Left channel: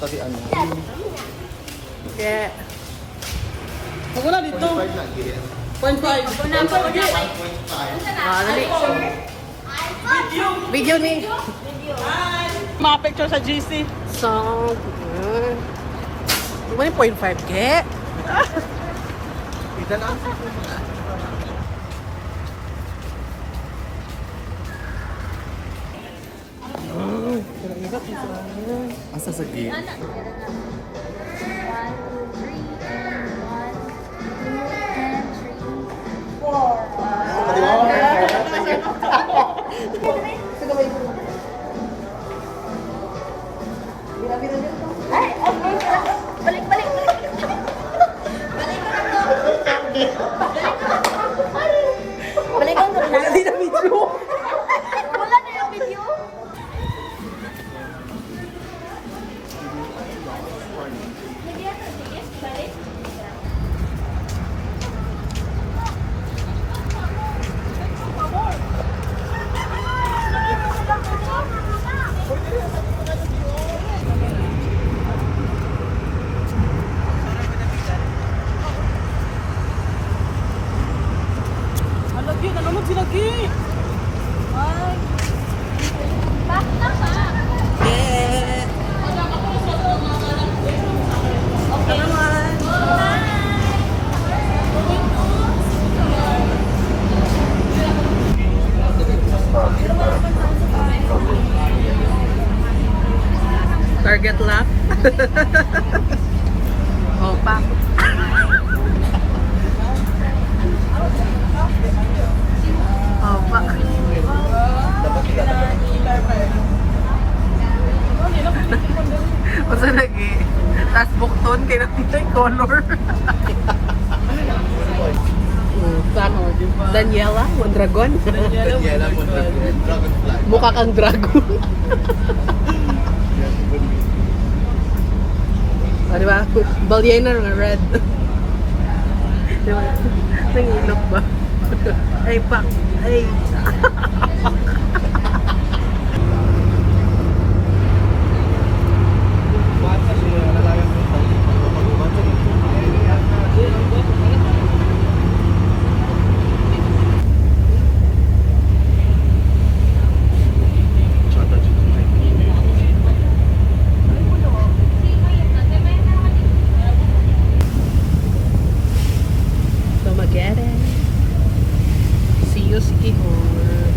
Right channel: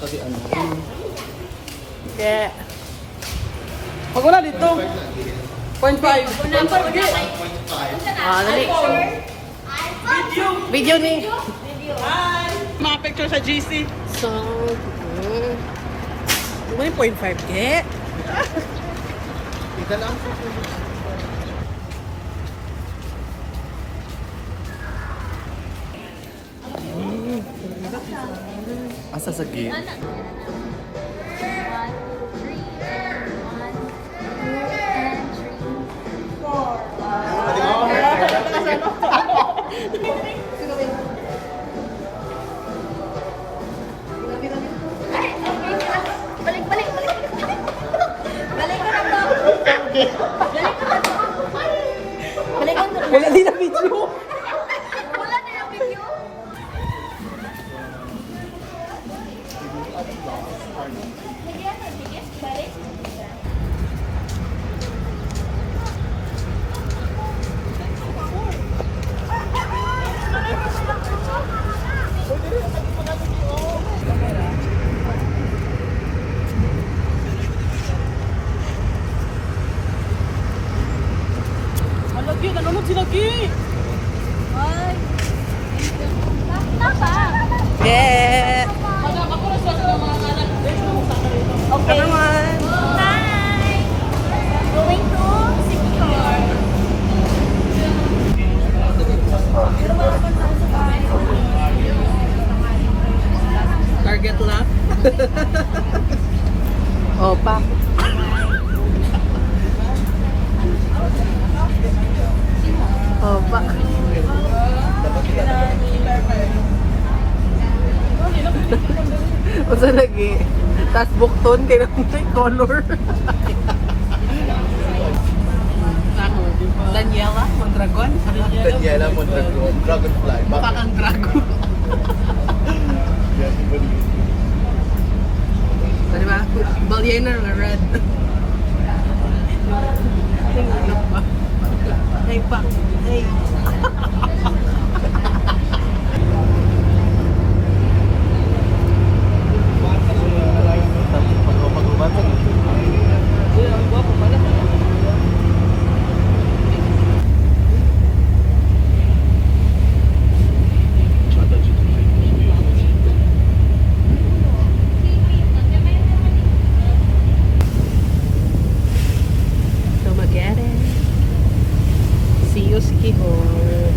tadi ano. Yeah. Pag wala dito. 0.5. Ah, dali. Video ni. Mga picture sa GC. So, may 0.5 ke? Kita lang. Asa sa gate? 1, 2, 3, and 1, 2, and 3, 4. Balik, balik. Balik ka na. Wala din na video. Wala na yung video. Lagi, nanonood si Lagi. Ay. Basta ba? Yeah. Okay. Naman. Bye. Going to Singapore. Target lap. Opa. Opa. Dapat kita Masa lagi? Tas bukton kay may color. Saan? Daniela Mondragon? Daniela Mondragon, Dragonfly. Mukha kang dragon. Ano ba? Ballena nga red. Nangilok ba? Ay pa. Ay. Tomagere. See you, Sikihor.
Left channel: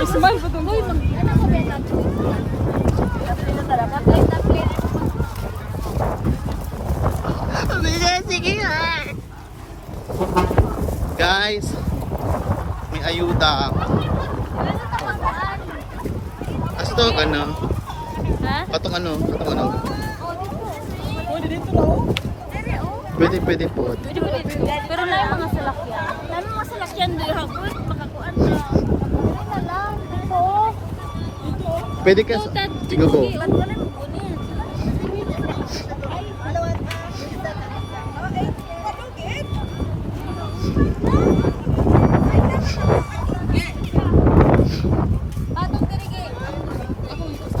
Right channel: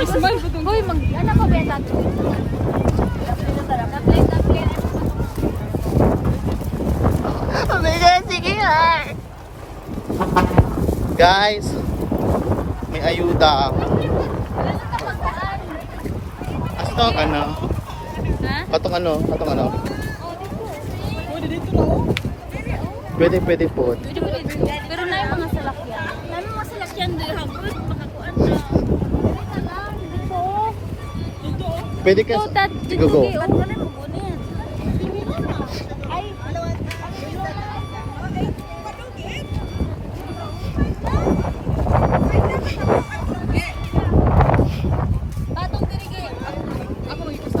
Mas mahal pa itong Uy, ano ko ba? Tapos. Sige nga. Guys, may ayuda. Asa to ka na? Ha? Patong ano? Pwede dito na oh. Pwede po. Pero na yung mga salakyan. Na yung mga salakyan doon habot makakuan na. Ay na lang dito. Pwede ka. So that Sige, go. Ba't wala mo gunin? Ay, alawan ka. Patong dirige. Ako mag-isa.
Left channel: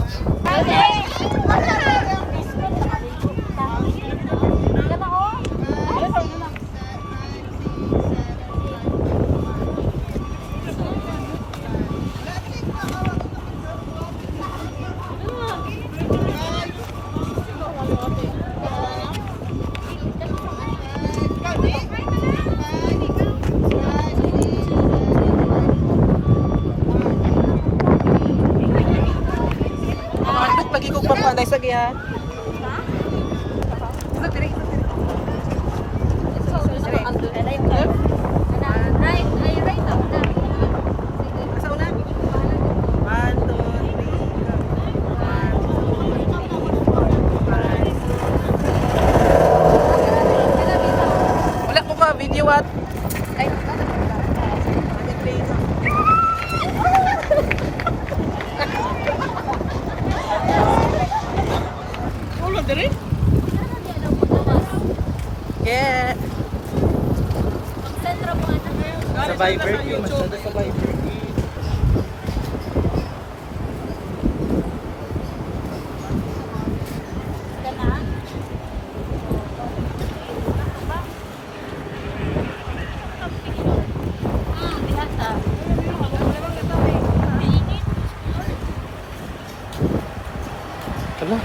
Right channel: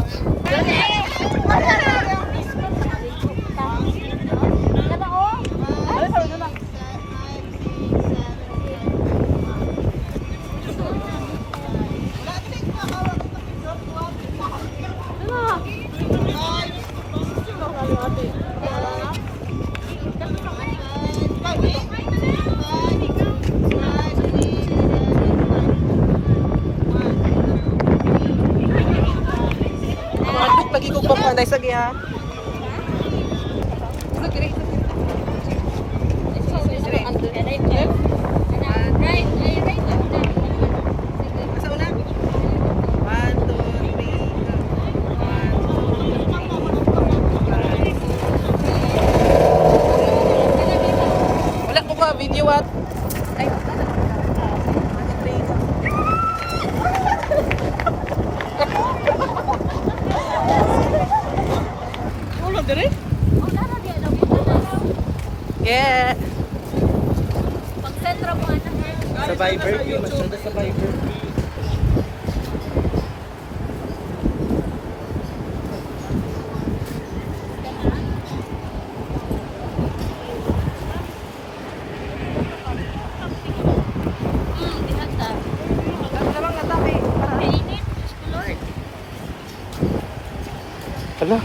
Lagi ko papalay sa giya. Wala ko ba video at? Wala dire? Yeah. Pag-sentra mo anak ha. Sa Viber, masyado sa Viber. Hala.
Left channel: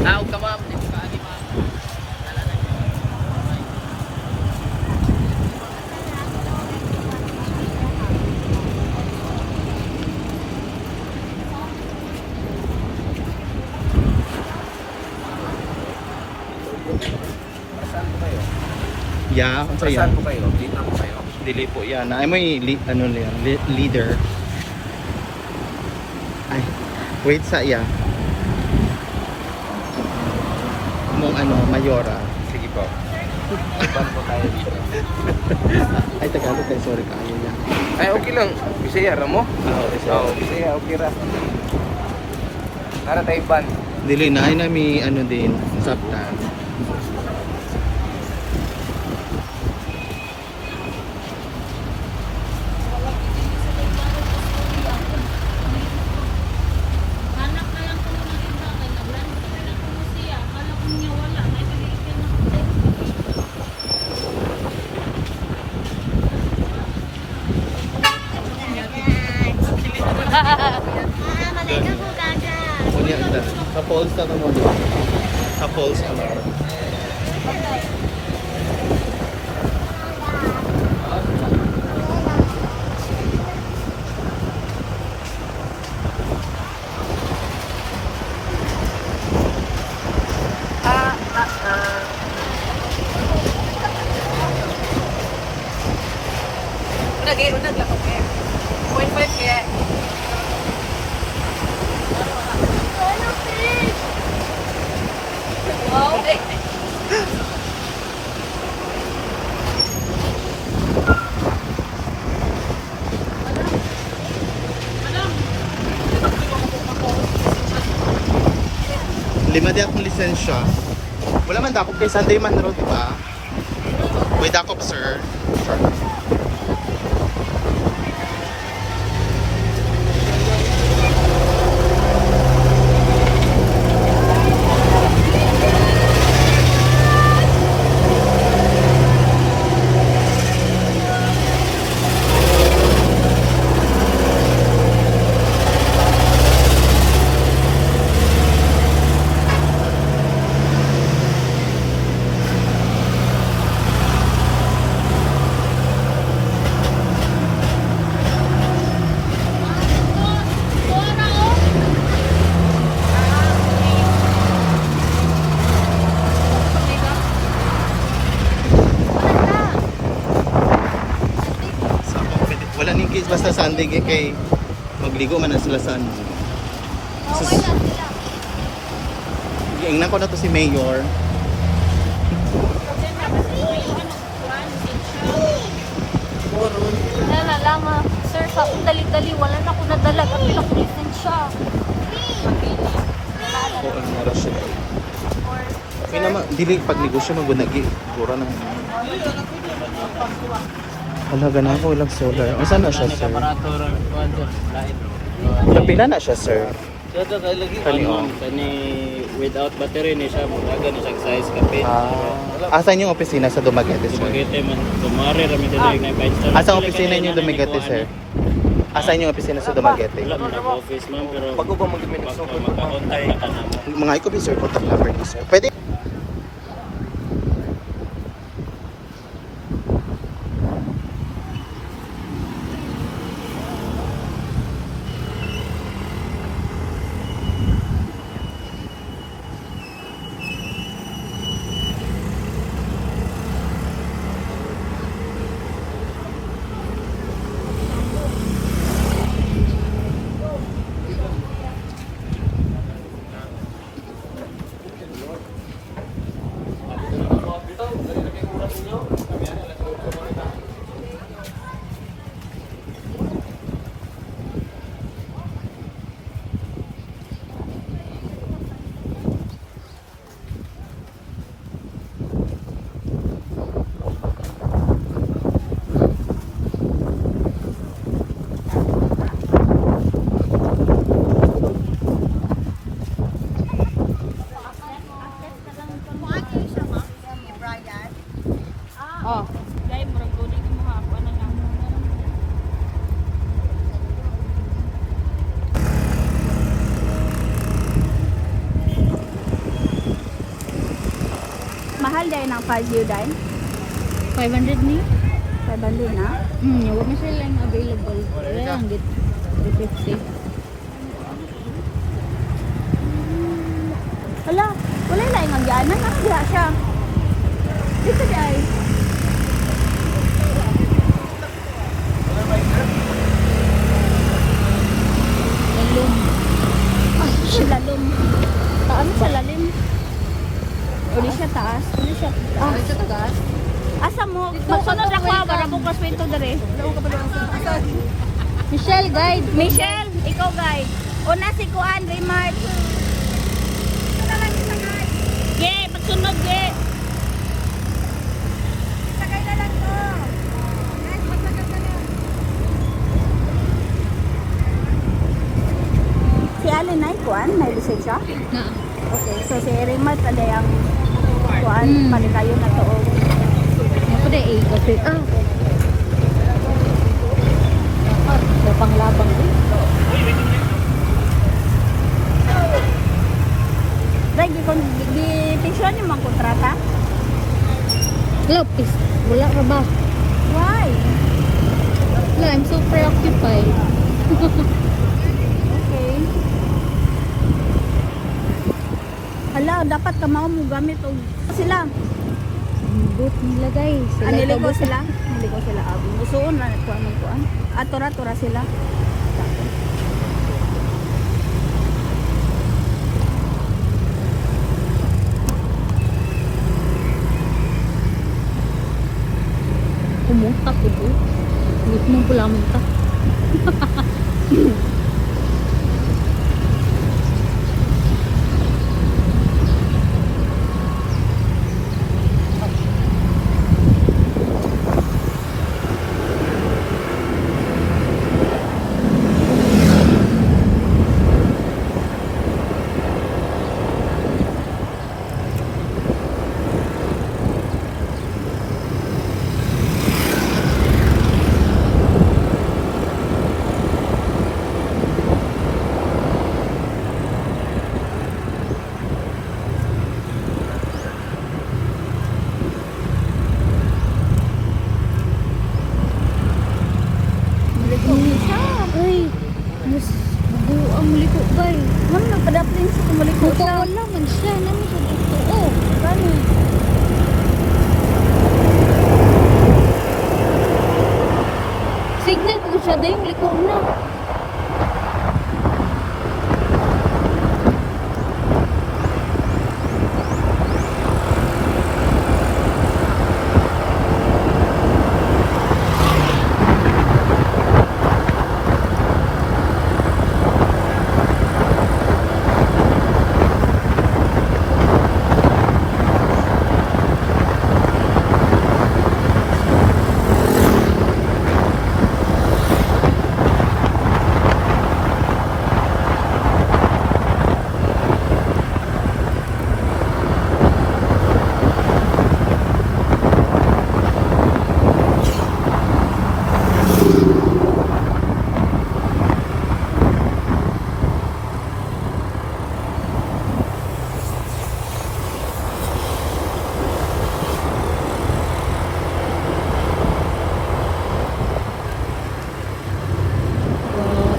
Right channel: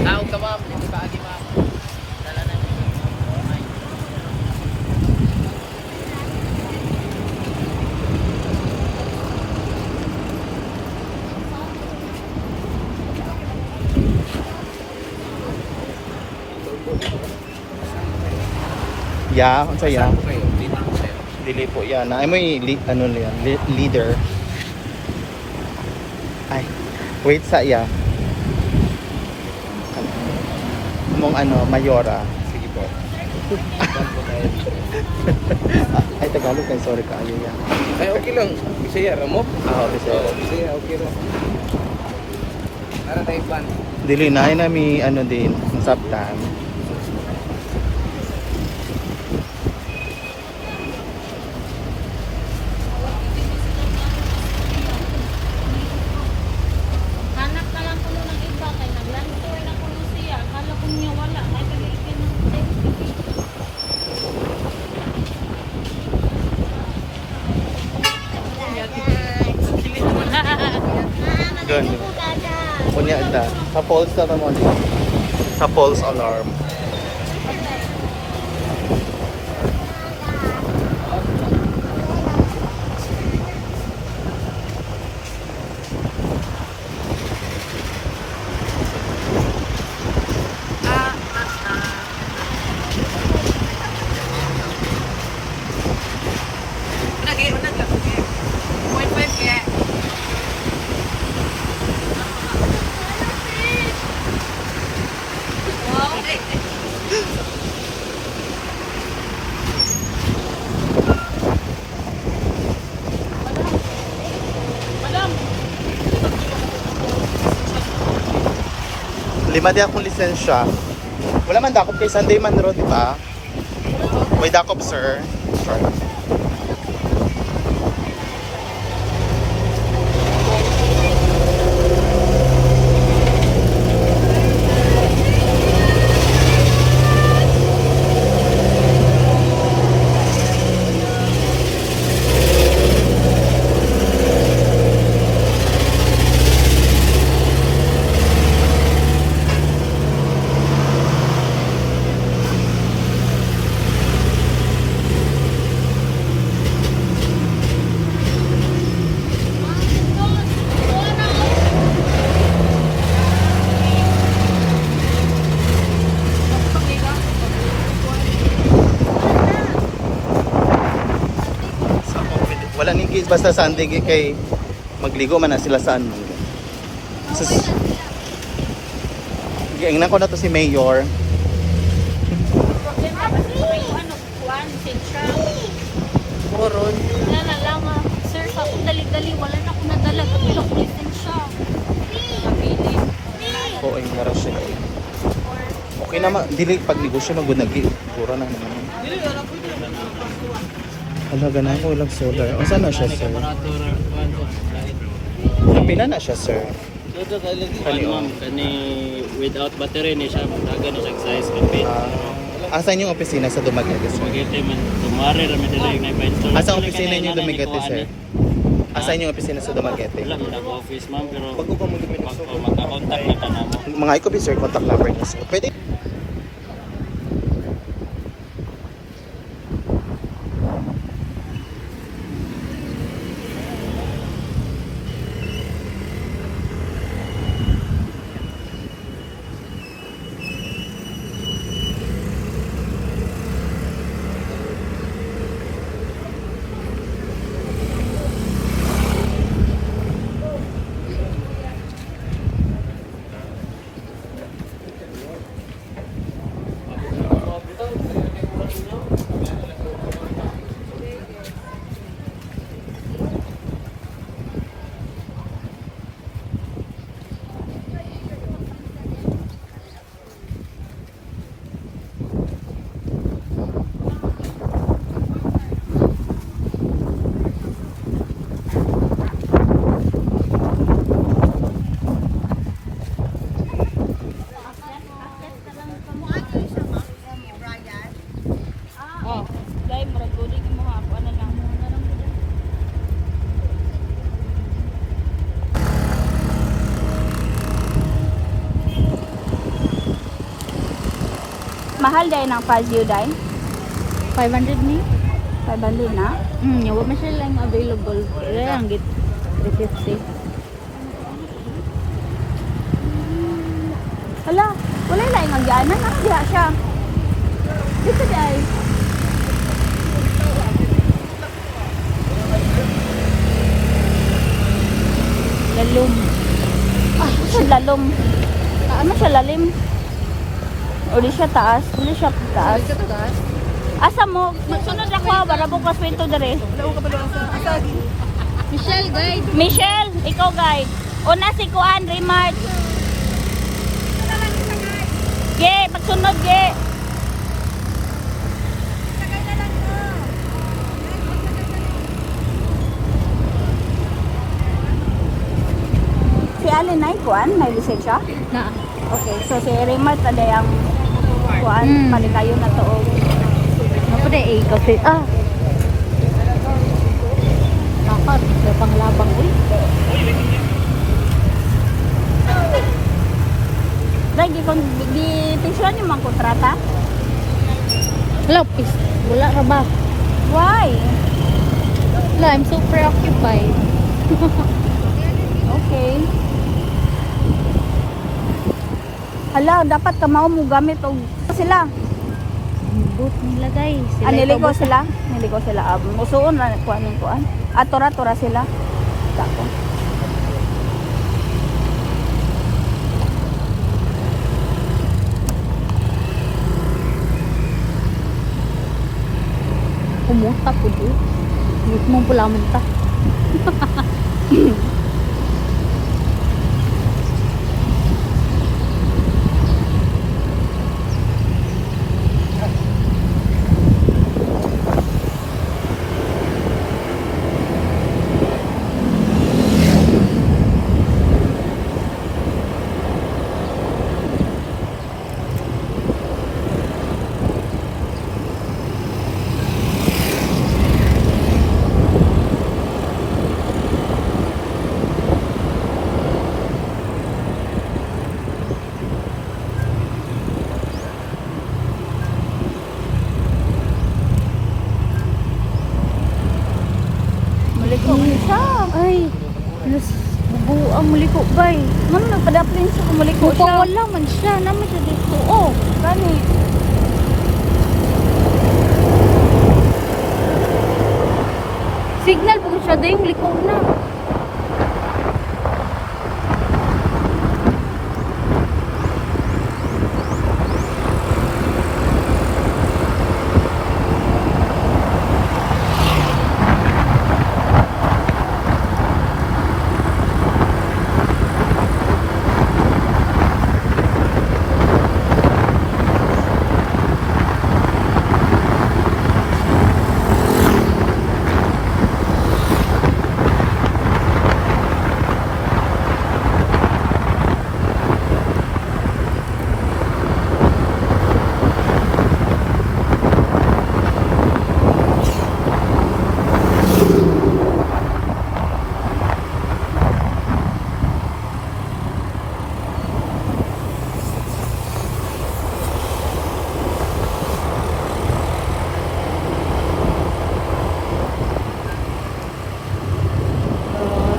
Tawag ka ma'am, dito ka ani ma'am. Yeah, ano sa'yo? Saan po kayo? Dito po kayo. Dili po yan. Ay, may ano yan, leader. Ay, wait sa iya. Mong ano, Mayora. Sige po. Saan po tayo dito? Ay, Tagalog kayo. Sorry kayo yan. Ay, okay lang. Bisaya ra mo? Ah, okay, sir. Oo, Bisaya, okay ra. Nara tayo ban. Dili na, ay na may ano din, nasabtan. Hanap na lang ko nung nakita kay naglantor na ko siya. Akala ko niya wala. Ay, kalitin. Doon. Kunya da. Sa false na mo dito. Sa false alarm. Lima din akong lisensya. Wala man dakop kay Sunday man ro, di ba? May dakop, sir. Sure lang. wala ning kids basta Sunday kay magligo man na sila sa ano. Okay Sus- na sila. Giingnan ko na to si Mayor. Problema kasi ano, kuwan, lisensya. Oron. Wala lang sir, sa akong dali-dali, wala na ako nadala. Gamit ako lisensya. Oo, yung oras siya. Okay naman, dili pag negosyo magunagi. Gura na naman. Wala ganun ko, walang solar. O saan na siya, sir? Pila na siya, sir? Kani, oh. Kani without battery ni siya mudagan ni siya size kape. Asan yung opisina sa Dumaguete, sir? Magete man tumari ra mi dili na pa-install. Asan opisina yung Dumaguete, sir? Asan yung opisina sa Dumaguete? Wala man nag-office ma'am pero Pag ko ba mag-minutes pag magka-contact na kanamo. Mga iko, sir, contact number niyo, sir. Pwede? Oh, guys, murag guli ka mo ako ano lang. Mahal dahil ng Fazio dahil? 500 na? 500 na? Wala na sila na available. Wala lang git 350. Hala, wala na yung magyaanan. Ano diha siya? Dito dahil. Lalong. Ay, siya lalom. Ano siya lalim? O di siya taas? Di siya taas? Asa mo? Magsunod ako ha, para bukas pinto dere. Michelle, guide. Michelle, ikaw guide. Una si Kuan, Remart. Ye, magsunod ye. Si Alin ay Kuan, may lisensya? Na. Okay, so si Remart ada yang Kuan, Hmm. malikayo na to. Mapada kasi Lakad, lapang-lapang eh. Dahil di picture ni mang kontrata? Lopis. Wala ka ba? Why? Wala, I'm so preoccupied. Okay. Hala, dapat kamao mo gamit og sila. Boot nila guys. Niligo sila. Niligo sila. Musuon na kuan ng kuan. Atora-tora sila. Tako. Kumuta po doon. Hindi mo pula munta. Maliko man siya. Ay, nas bubuang muliko bay. Ma'am, nagpadaplin siya kung maliko siya. Wala man siya. Namin sa dito. Oo, gani. Si Signal po siya dahil likod na.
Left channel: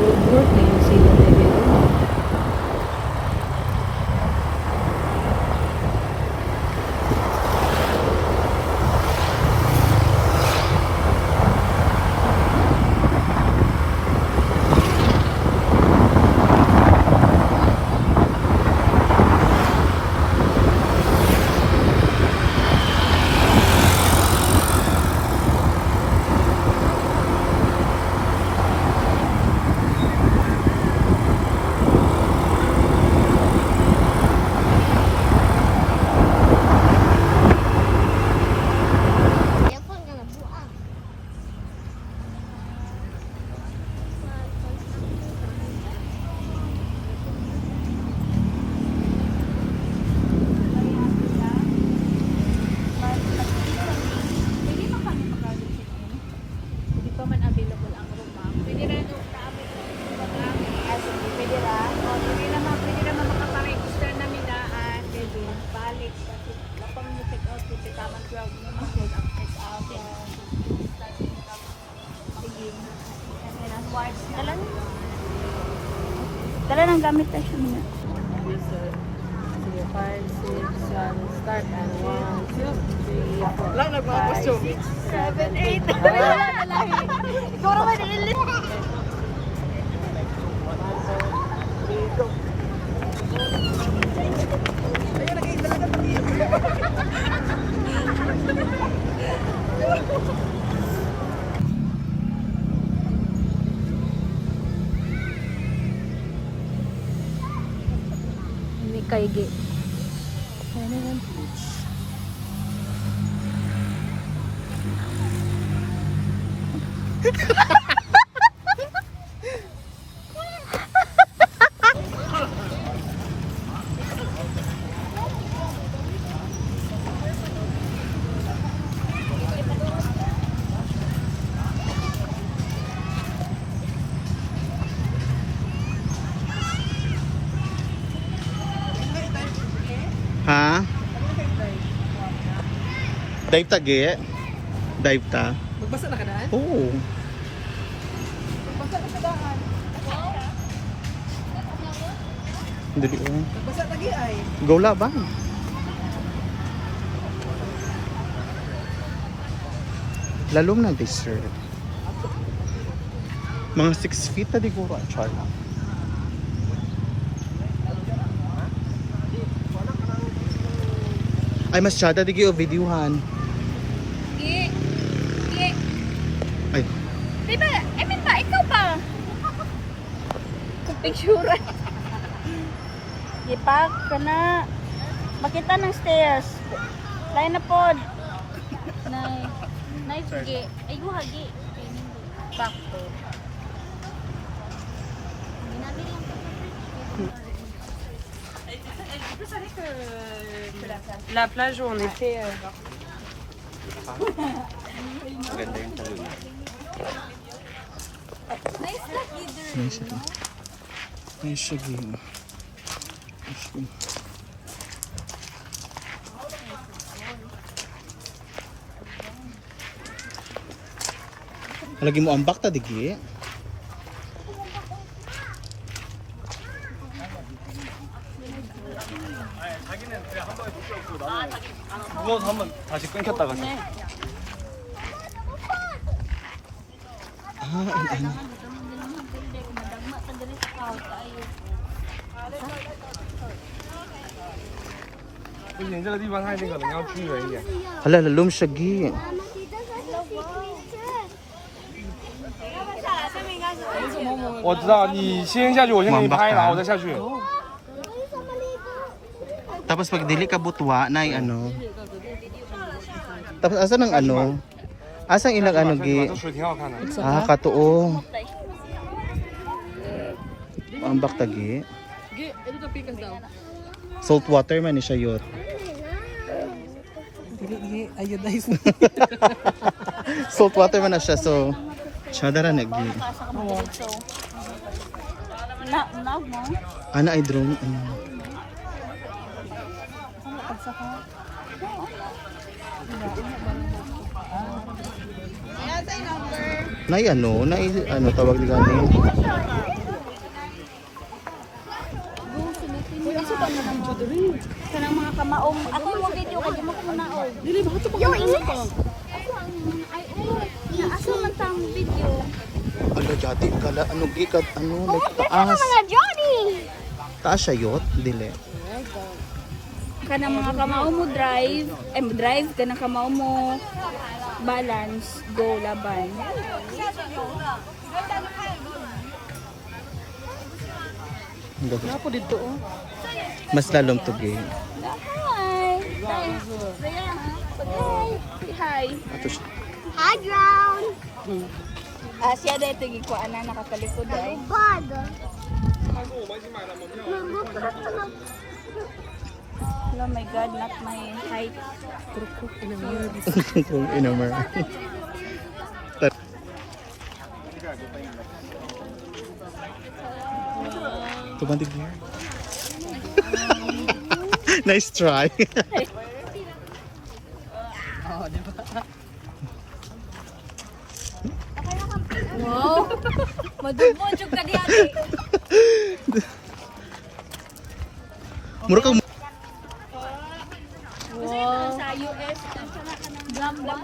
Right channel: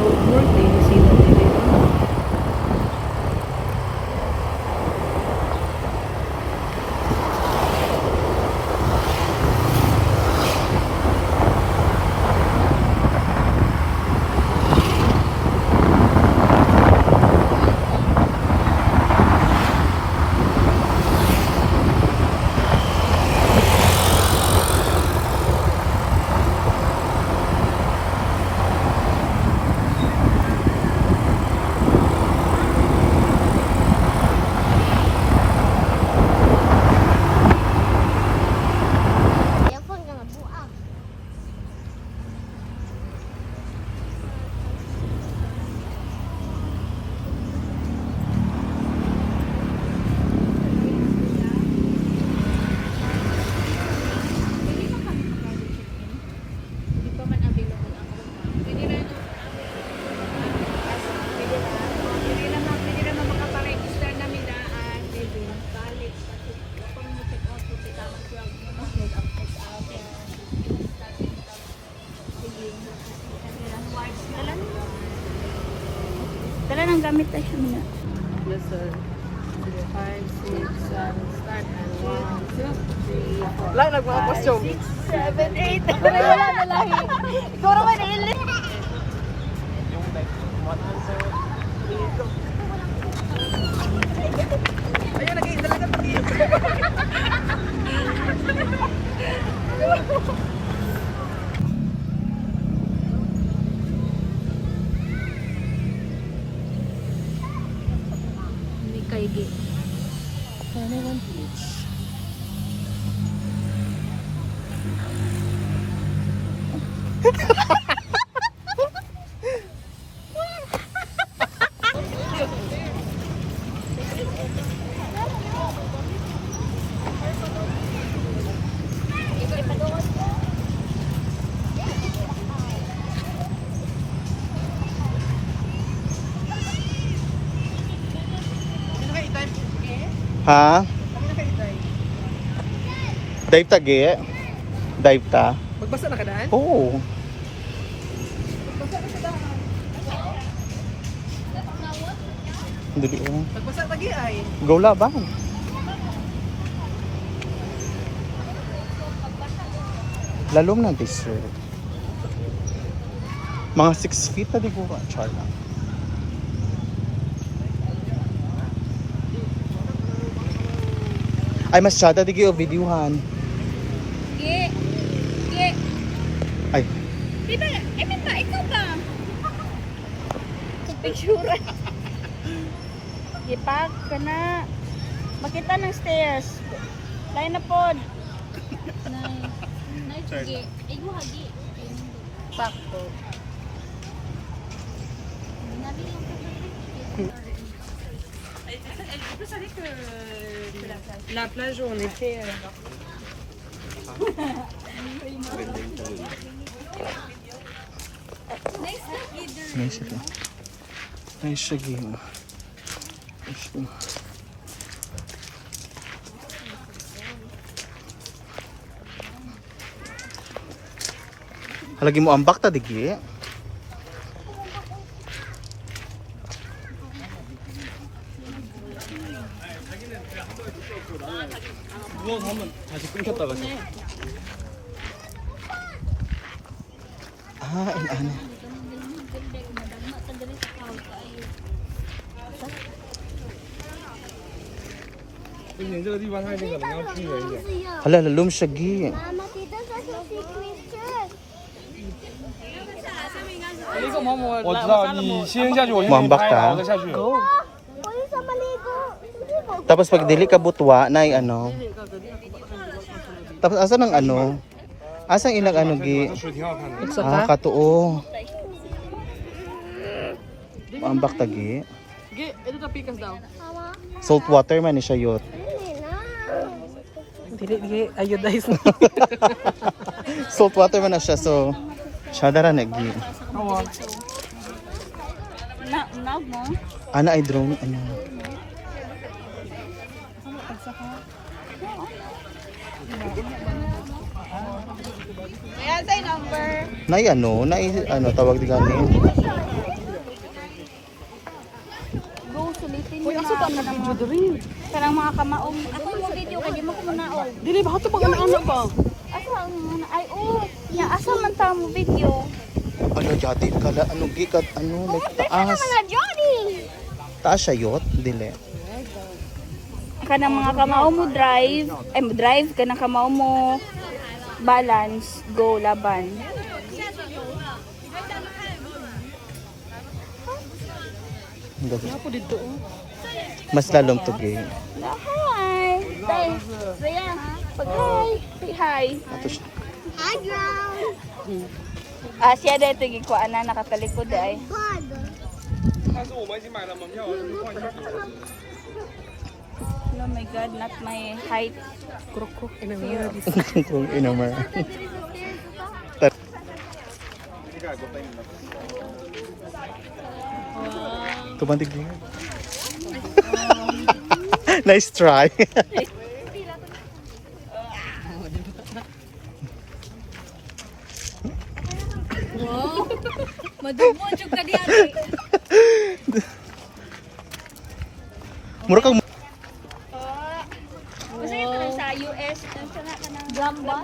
Road work din sila dito. Dala ng gamit tayo siya muna. Yes, sir. Sige, 5, 6, 7, start. And 1, 2, 3, 4. Lang, nagmapos yung 6, 7, 8. Wala na lang. Ikaw naman ilit. Kaigi. Ha? Dive tagi? Dive ta? Magbasa na ka daan? Oo. Dali ko. Magbasa lagi ay. Go laban. Lalom na sir. Mga 6 feet na di ko char lang. Ay, masyada di kayo videohan. Gi. Gi. Ay, Diba? Pa, ikaw pa. Picture. Ipak ka na. Makita ng stairs. Lain na pod. Nice, gi. Ay, hagi. Sakto. Ginamit lang sa La plage où on était. maganda yung tulog. Nice lagi. Nice siya. Nice siya game. Nice siya. Halagi mo ambak ta digi. 한번 다시 끊겼다가 Ah, ano. Hala, lalom siya gi. Mama, tita, sa secret. 我知道，你先下去，我先给你拍，然后我再下去。 Pwede sa maligo. Tapos pag dili ka butwa, na ano. Tapos asa ng ano? Asang ilang ano gi? 这水挺好看的。 Ah, katuo. Ambak tagi. Ito na pikas daw. Salt water man ni siya yot. Dili, iodized. Salt water man na siya, so siya dara nagi. Na mo? Ana ay drone ano. Nay ano, tawag di gani. Go sulitin mo na video diri. Kanang mga kamaong. Ako mo video kay di mo ko munaog. Dili ba ito pag ano pa? Asa ang ay nya asa man ta mo video. Ala jati kala ano gi kat ano like taas. Johnny. Taas siya yot, dili. Kanang mga kamao mo drive kanang kamao mo balance go laban. Ako dito Mas lalong tugi. Hi. Raya. Hi. Say hi. Ato siya. Hi, ground. Siya dito gikuan na nakatalikod ay. Bug. Oh my god, not my height. Kung inamar. Tumantig niya. Nice try. Wow. Madubo jud ka di ate. Mura kang Sa US gamba.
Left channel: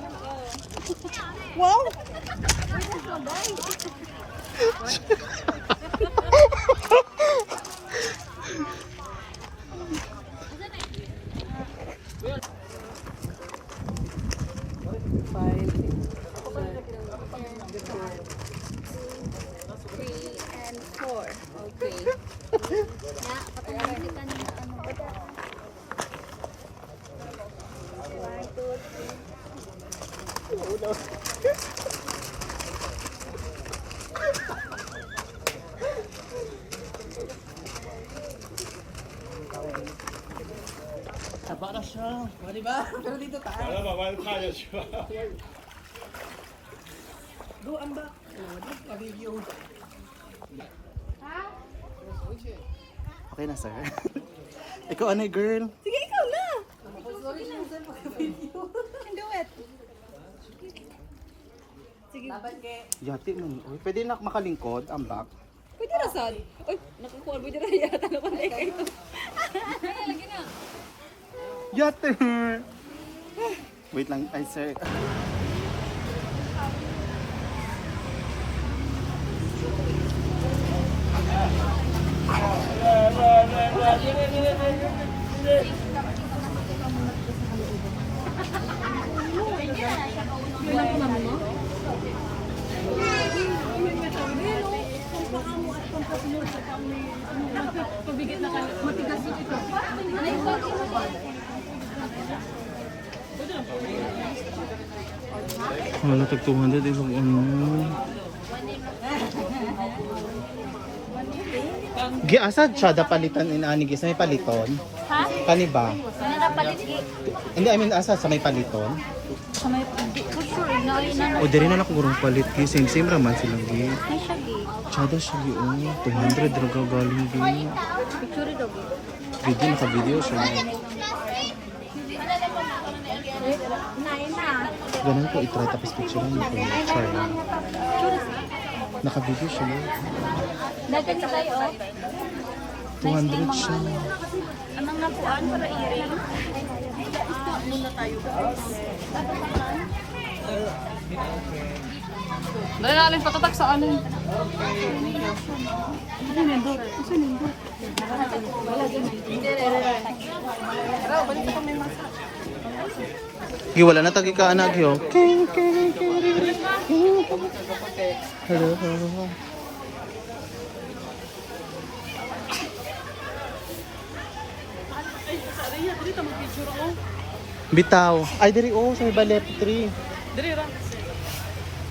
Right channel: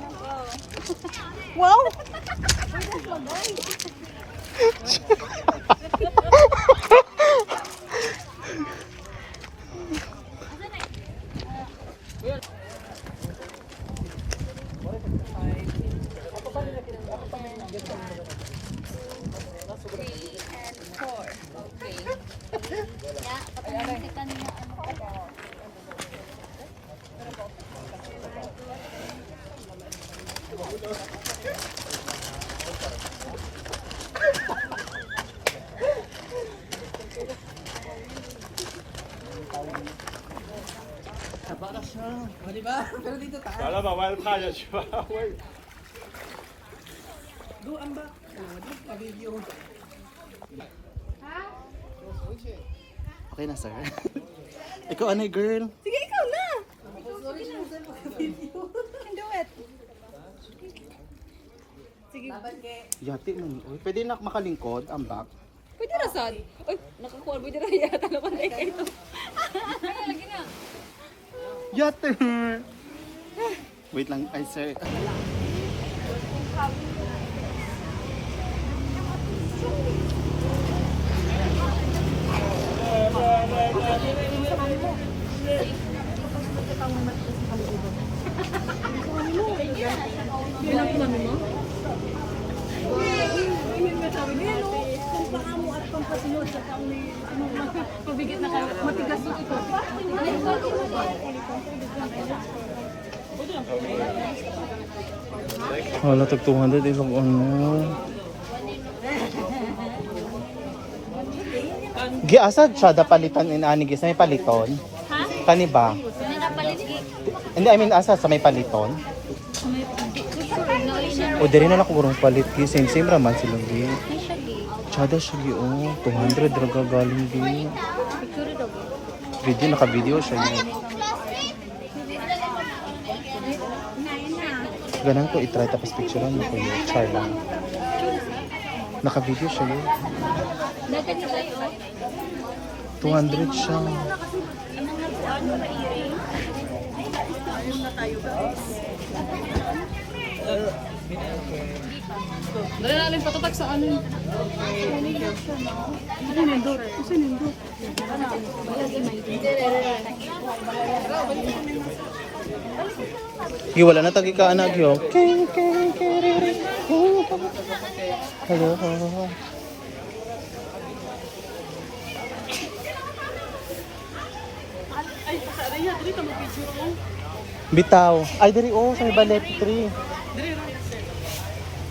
Three and four. Okay. Okay na, sir. Ikaw ano, girl? Sige, ikaw na. Do it. Yati man. Uy, pwede na makalingkod ang back. Pwede na sad. Uy, nakakuha. Pwede na yata naman na ikaw. Yate! Wait lang, ay sir. Pabigit na kayo. Matigas yung ito. Wala, tag 200 isang ano. Giasa siya da palitan in ani gis may paliton. Ha? Kani ba? Hindi, I mean asa sa may paliton. O diri na lang kung palit gi same raman sila gi. Chada siya gi 200 draga galing gi. Video naka-video siya gi. Ganun ko i-try tapos picturean mo ko yung char lang. Naka-video siya gi. 200 siya. Dahil natin patatak sa alin. Ano nindot? Ano nindot? Wala na tagi ka anak yo. Hello. Ay, sa Rhea, dili ta mag-picture mo. Bitaw. Ay diri sa may ballet tree. Dili ra.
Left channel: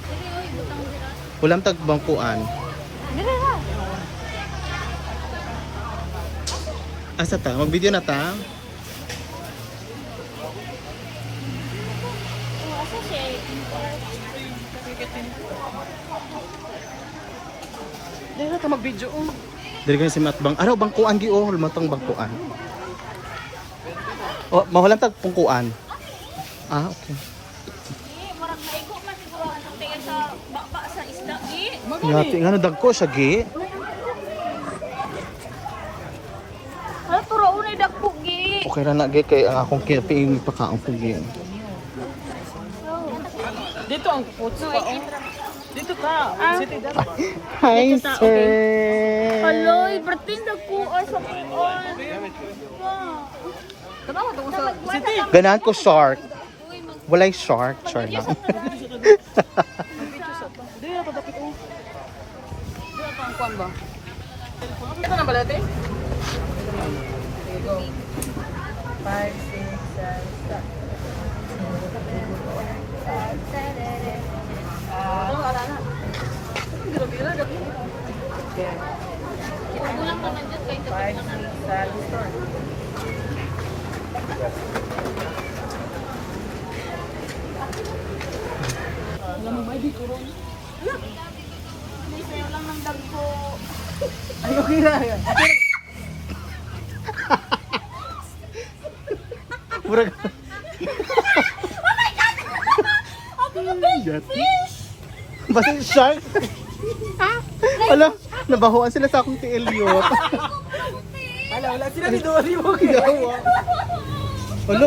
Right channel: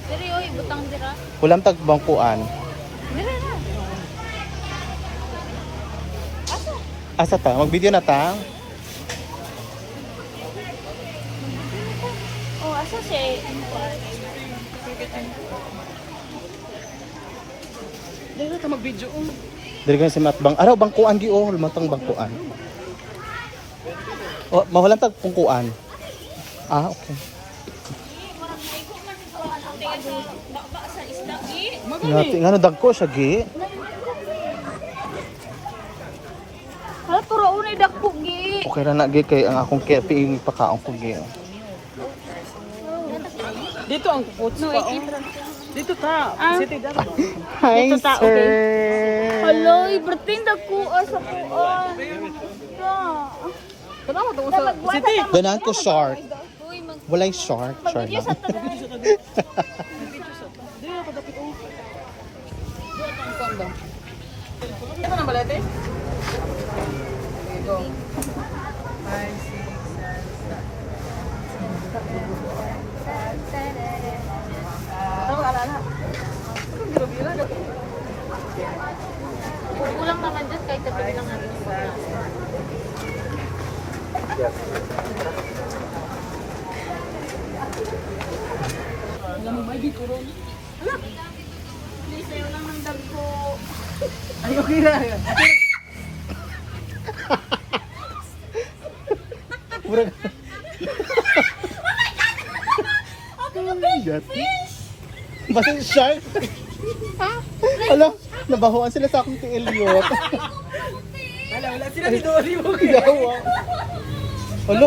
Diri oy, butang dira. Ulam tag bangkuan. Asa ta? Mag-video na ta? Oh, asa siya? Dili ra ta mag-video. Diri kan sa matbang. Araw bangkuan gi matang bangkuan. Oh, mahulam tag pungkuan. Ah, okay. Ngati nga dagko siya gi. Ano turo unay dakpo gi? Okay ra na gi kay akong kaya tiing pakaon ko gi. Dito ang photo ka. Dito ka. City dad. Hi sir. Hello, ibrating dakpo sa kuan. Kadaw daw sa City. Ganahan ko shark. Walay shark, char lang. Dili ra ta dapit o. Dili ta ang kuan ba? Ito na balete? Go. 5, 6, 7, start. Kulang naman dyan kahit dapit lang. Alam mo may bikuron. Please, ayaw lang ng dagko. Ay okay ra. Murag. Yati. Basta yung shark. Alam, nabahuan sila sa akong Elliot. Wala sila dito ali mo. Yawa. Alo.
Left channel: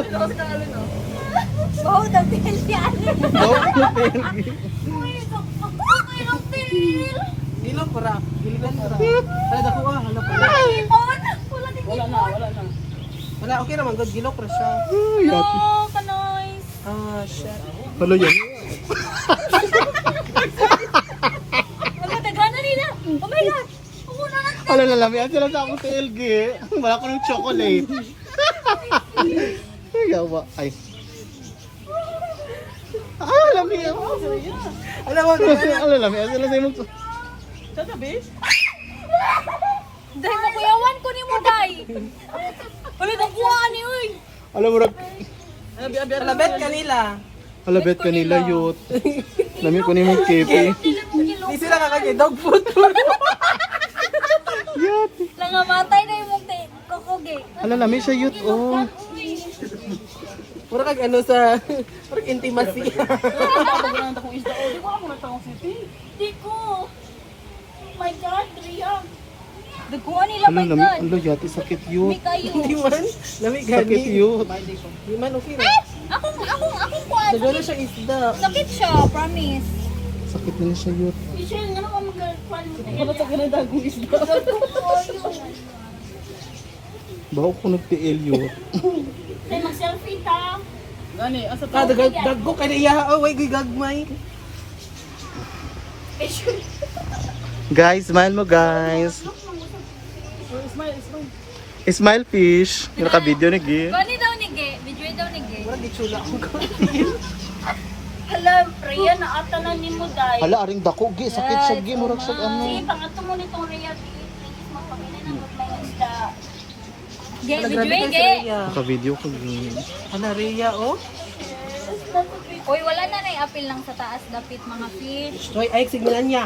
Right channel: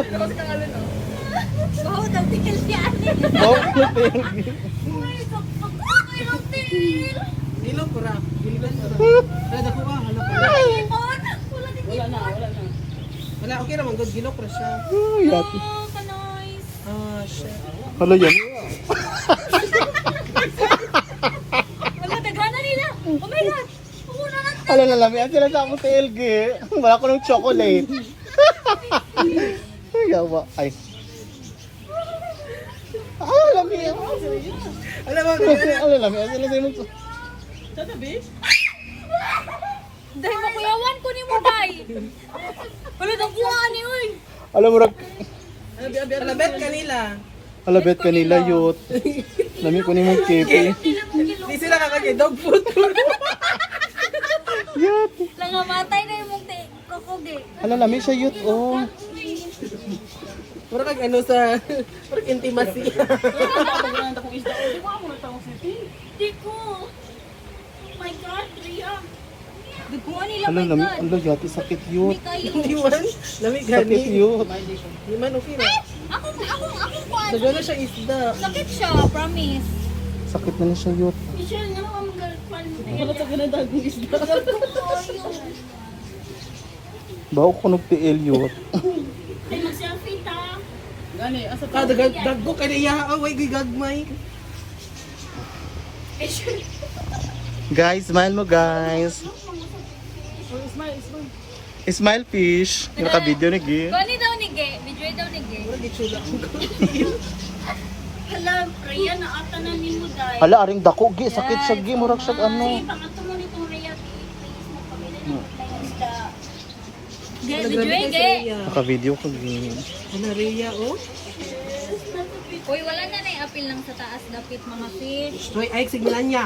Wow, dagkil siya. No, Elgi. Dilo para. Dilo para. Ay dako hala pa. Wala na. Wala okay ra man gud gilok ra siya. Yati. Oh, kanoy. Ah shit. Alo yan. Wala, dagana nila. Oh my God. Una lang. Alo na lang, yan sila sa akong Elgi. Wala ko ng chocolate. Yawa. Ay. Alam niya. Alam mo Alam niya. Sila sa imong. tatabi? Dahil makuyawan ko ni mo, day. Wala, nakuhaan ni, uy. Alam mo rak. Abi labet kanila. Alabet kanila yut. Lami ko ni mong kepi. Di sila kakagay dog food. Yut. Nangamatay na yung mong kokoge. Ala lami siya yut oh. Pura kag ano sa pura intimacy. Di ko. Oh my God, Ria. Nagkuha nila, Ala my lami God. ala yati sakit Hindi yut. kayo. Di man lami Sakit gani. yut. Di man okay ra. Akong kuha. Dagana siya isda. Sakit siya, promise. Sakit na siya yut. Michelle, naman ka mag-girlfriend mo. Wala ta kana dagong isda. Bawo ko nung tiil yut. Ay, mag-selfie ta. Gani asa ta daggo kay iya oh way gagmay. Guys, smile mo guys. Smile. Smile fish. Yung naka-video ni Gi. Gani daw ni Ge. Video daw ni Ge. Pura gitsula ko. Hala, Ria, naatanan ni mo, day. Hala aring dako Gi, sakit siya Gi, murag siya ano. Sige, pangato mo nitong Ria. Please, magpamili ng mga isda. Ge, video Ge. Naka-video ko Gi. Ana Rhea oh. Uy, wala na na apil lang sa taas dapit mga fish. Roy ay signalan niya.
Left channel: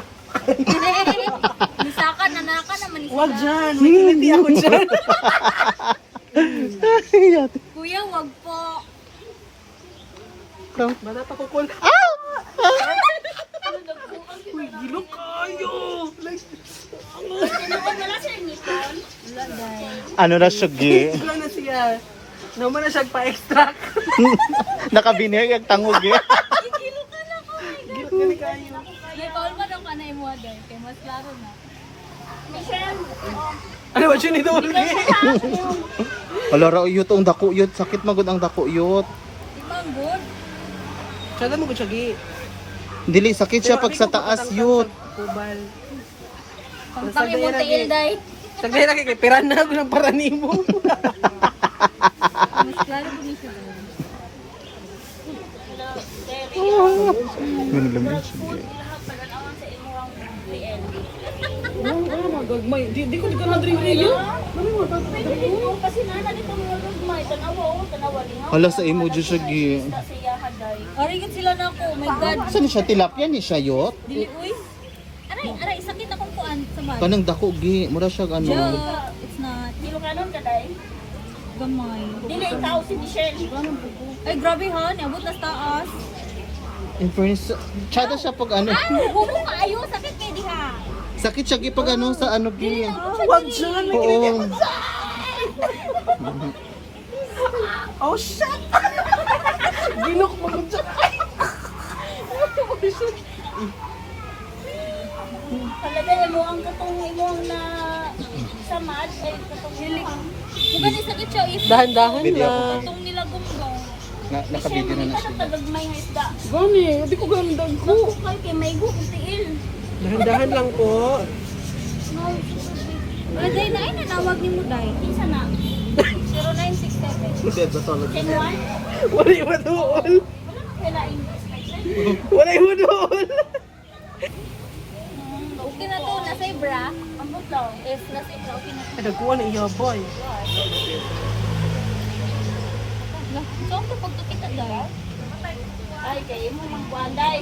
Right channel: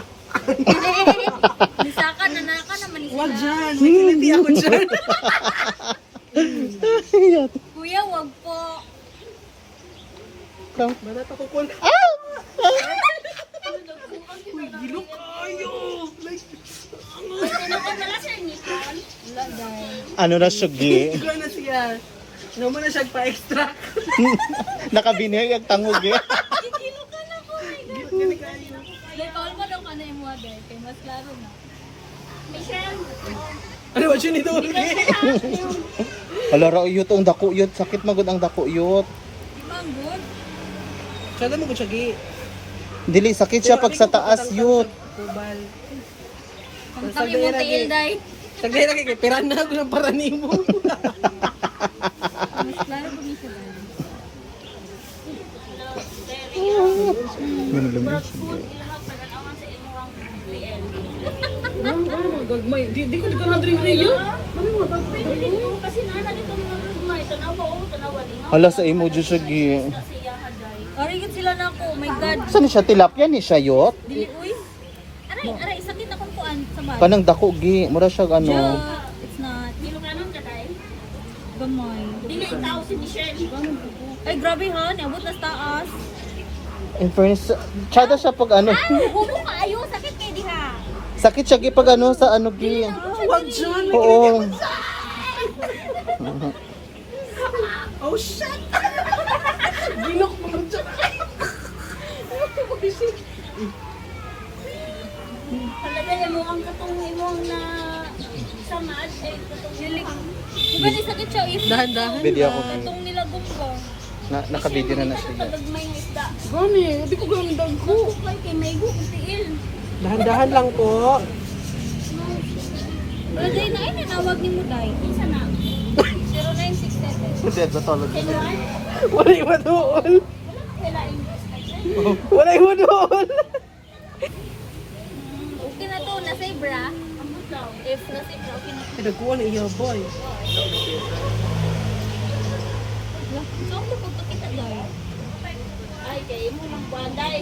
Misaka, nanaka naman isda. Wag dyan, may kiliti ako dyan. Yati. Kuya, wag po. Bata pa ko kung... Uy, gilok kayo! Like, Wala siya ni Con. Wala, day. Ano na siya Gi? gano'n na siya. Naman na siya pa-extract. Nakabinay ang tangog Gi. Kini kayo. Call mo daw ka na imo agay. Kay mas klaro na. Ano ba siya nito? Hala ra yut ang dako yut, sakit magud ang dako yut. Ibang good. Sada mo ko siya gi. Dili sakit siya pag sa taas yut. Tubal. Pangtang imo tiil day. Sagli na kay piran na ako ng paranimo. Mas klaro po ni siya day. Ganun lang din siya. Gagmay. Di ko dito na drink review. Kasi nana dito mga gagmay. Tanawa o, tanawa din. Hala sa emoji siya gi. Ari gud sila na ko. Oh my god. Saan siya tilapia ni siya yut? Dili uy. Aray, sakit akong kuan sa bag. Kanang dako gi, mura siya ano. Yeah, it's not. Ilocanon ka day. Gamay. Dili ikaw si Michelle. Ay, grabe han. Abot na sa taas. In fairness, tsada siya pag ano. Hubo ka ayo, sakit kay diha. Sakit siya gi pag ano sa ano gi. Wag siya. Oo. Oh shit. Ginok mo ko siya. Talaga mo ang katong imong na samad ay katong hilik. Diba ni sakit siya is Dahan-dahan Video na. ako. itong nila gunggong. Nakabidyo na siya. Gagmay nga isda. Gani, di ko ganda ko. Kay kay may go tiil. Dahan-dahan lang po. Wala day na ay nanawag ni mo day. Isa na. 0967. Dead sa tolo. Tenuan. Wala iwan doon. Wala English. Wala iwan doon. Okay na to, nasa bra. Ambot daw. If nasa bra, okay na. Ay, nagkuha na iya boy. So, ang pagkakita day. Ay kay mo yung buanday.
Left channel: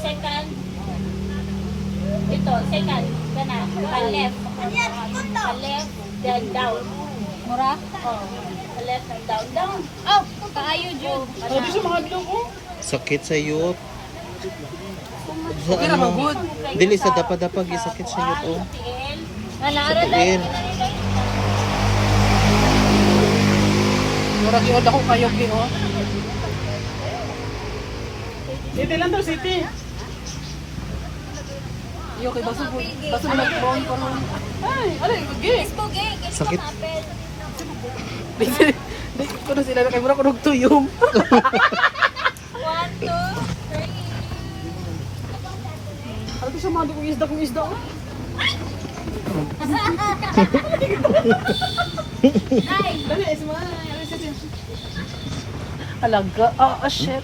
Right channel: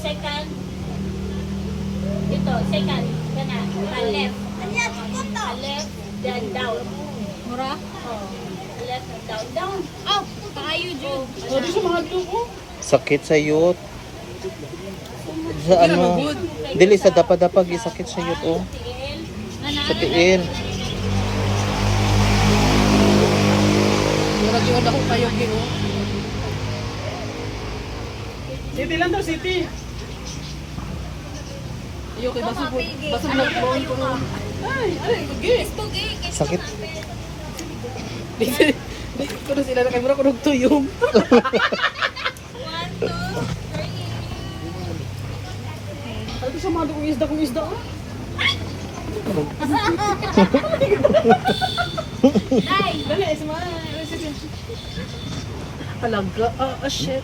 Second. Ito, second. Kana, left. Left, then down. Mura? Left and down, down. Oh, kaayo Jud. Oh, di siya mga dugo. Sakit sa yut. Sa ano? Dili sa dapa-dapa gi sakit sa yut oh. Sa Nanaara na. tiil. Mura yun ako kayo kino. City lang to, city. Iyo kay basta po. Basta mo nag-brown pa ron. Ay, alay, gig. Pogi, Sakit. Ko na sila na kay mura ko nagtuyom. 1, 2, 3. Ano sa mga dugong isda kong isda oh? Dali, smile. Alaga. Ah, shit.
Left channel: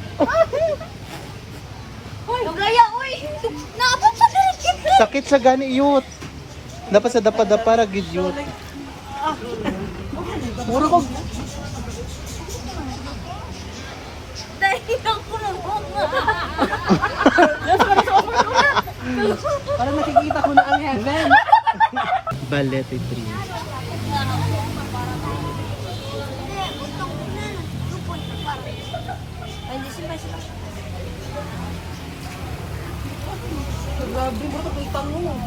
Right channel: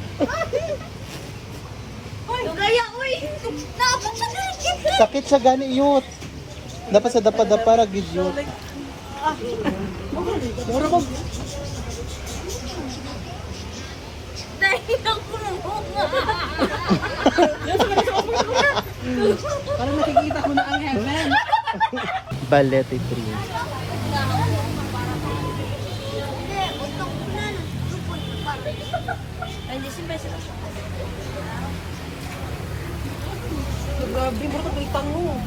Gaya, uy! Naabot sa diligid! Sakit sa gani yut. Dapat sa dapa-dapa ra gid yut. Mura ko. Dahil ako na bunga. Parang nakikita ko na ang heaven. Ballet 3. Grabe, mura ko itang mo.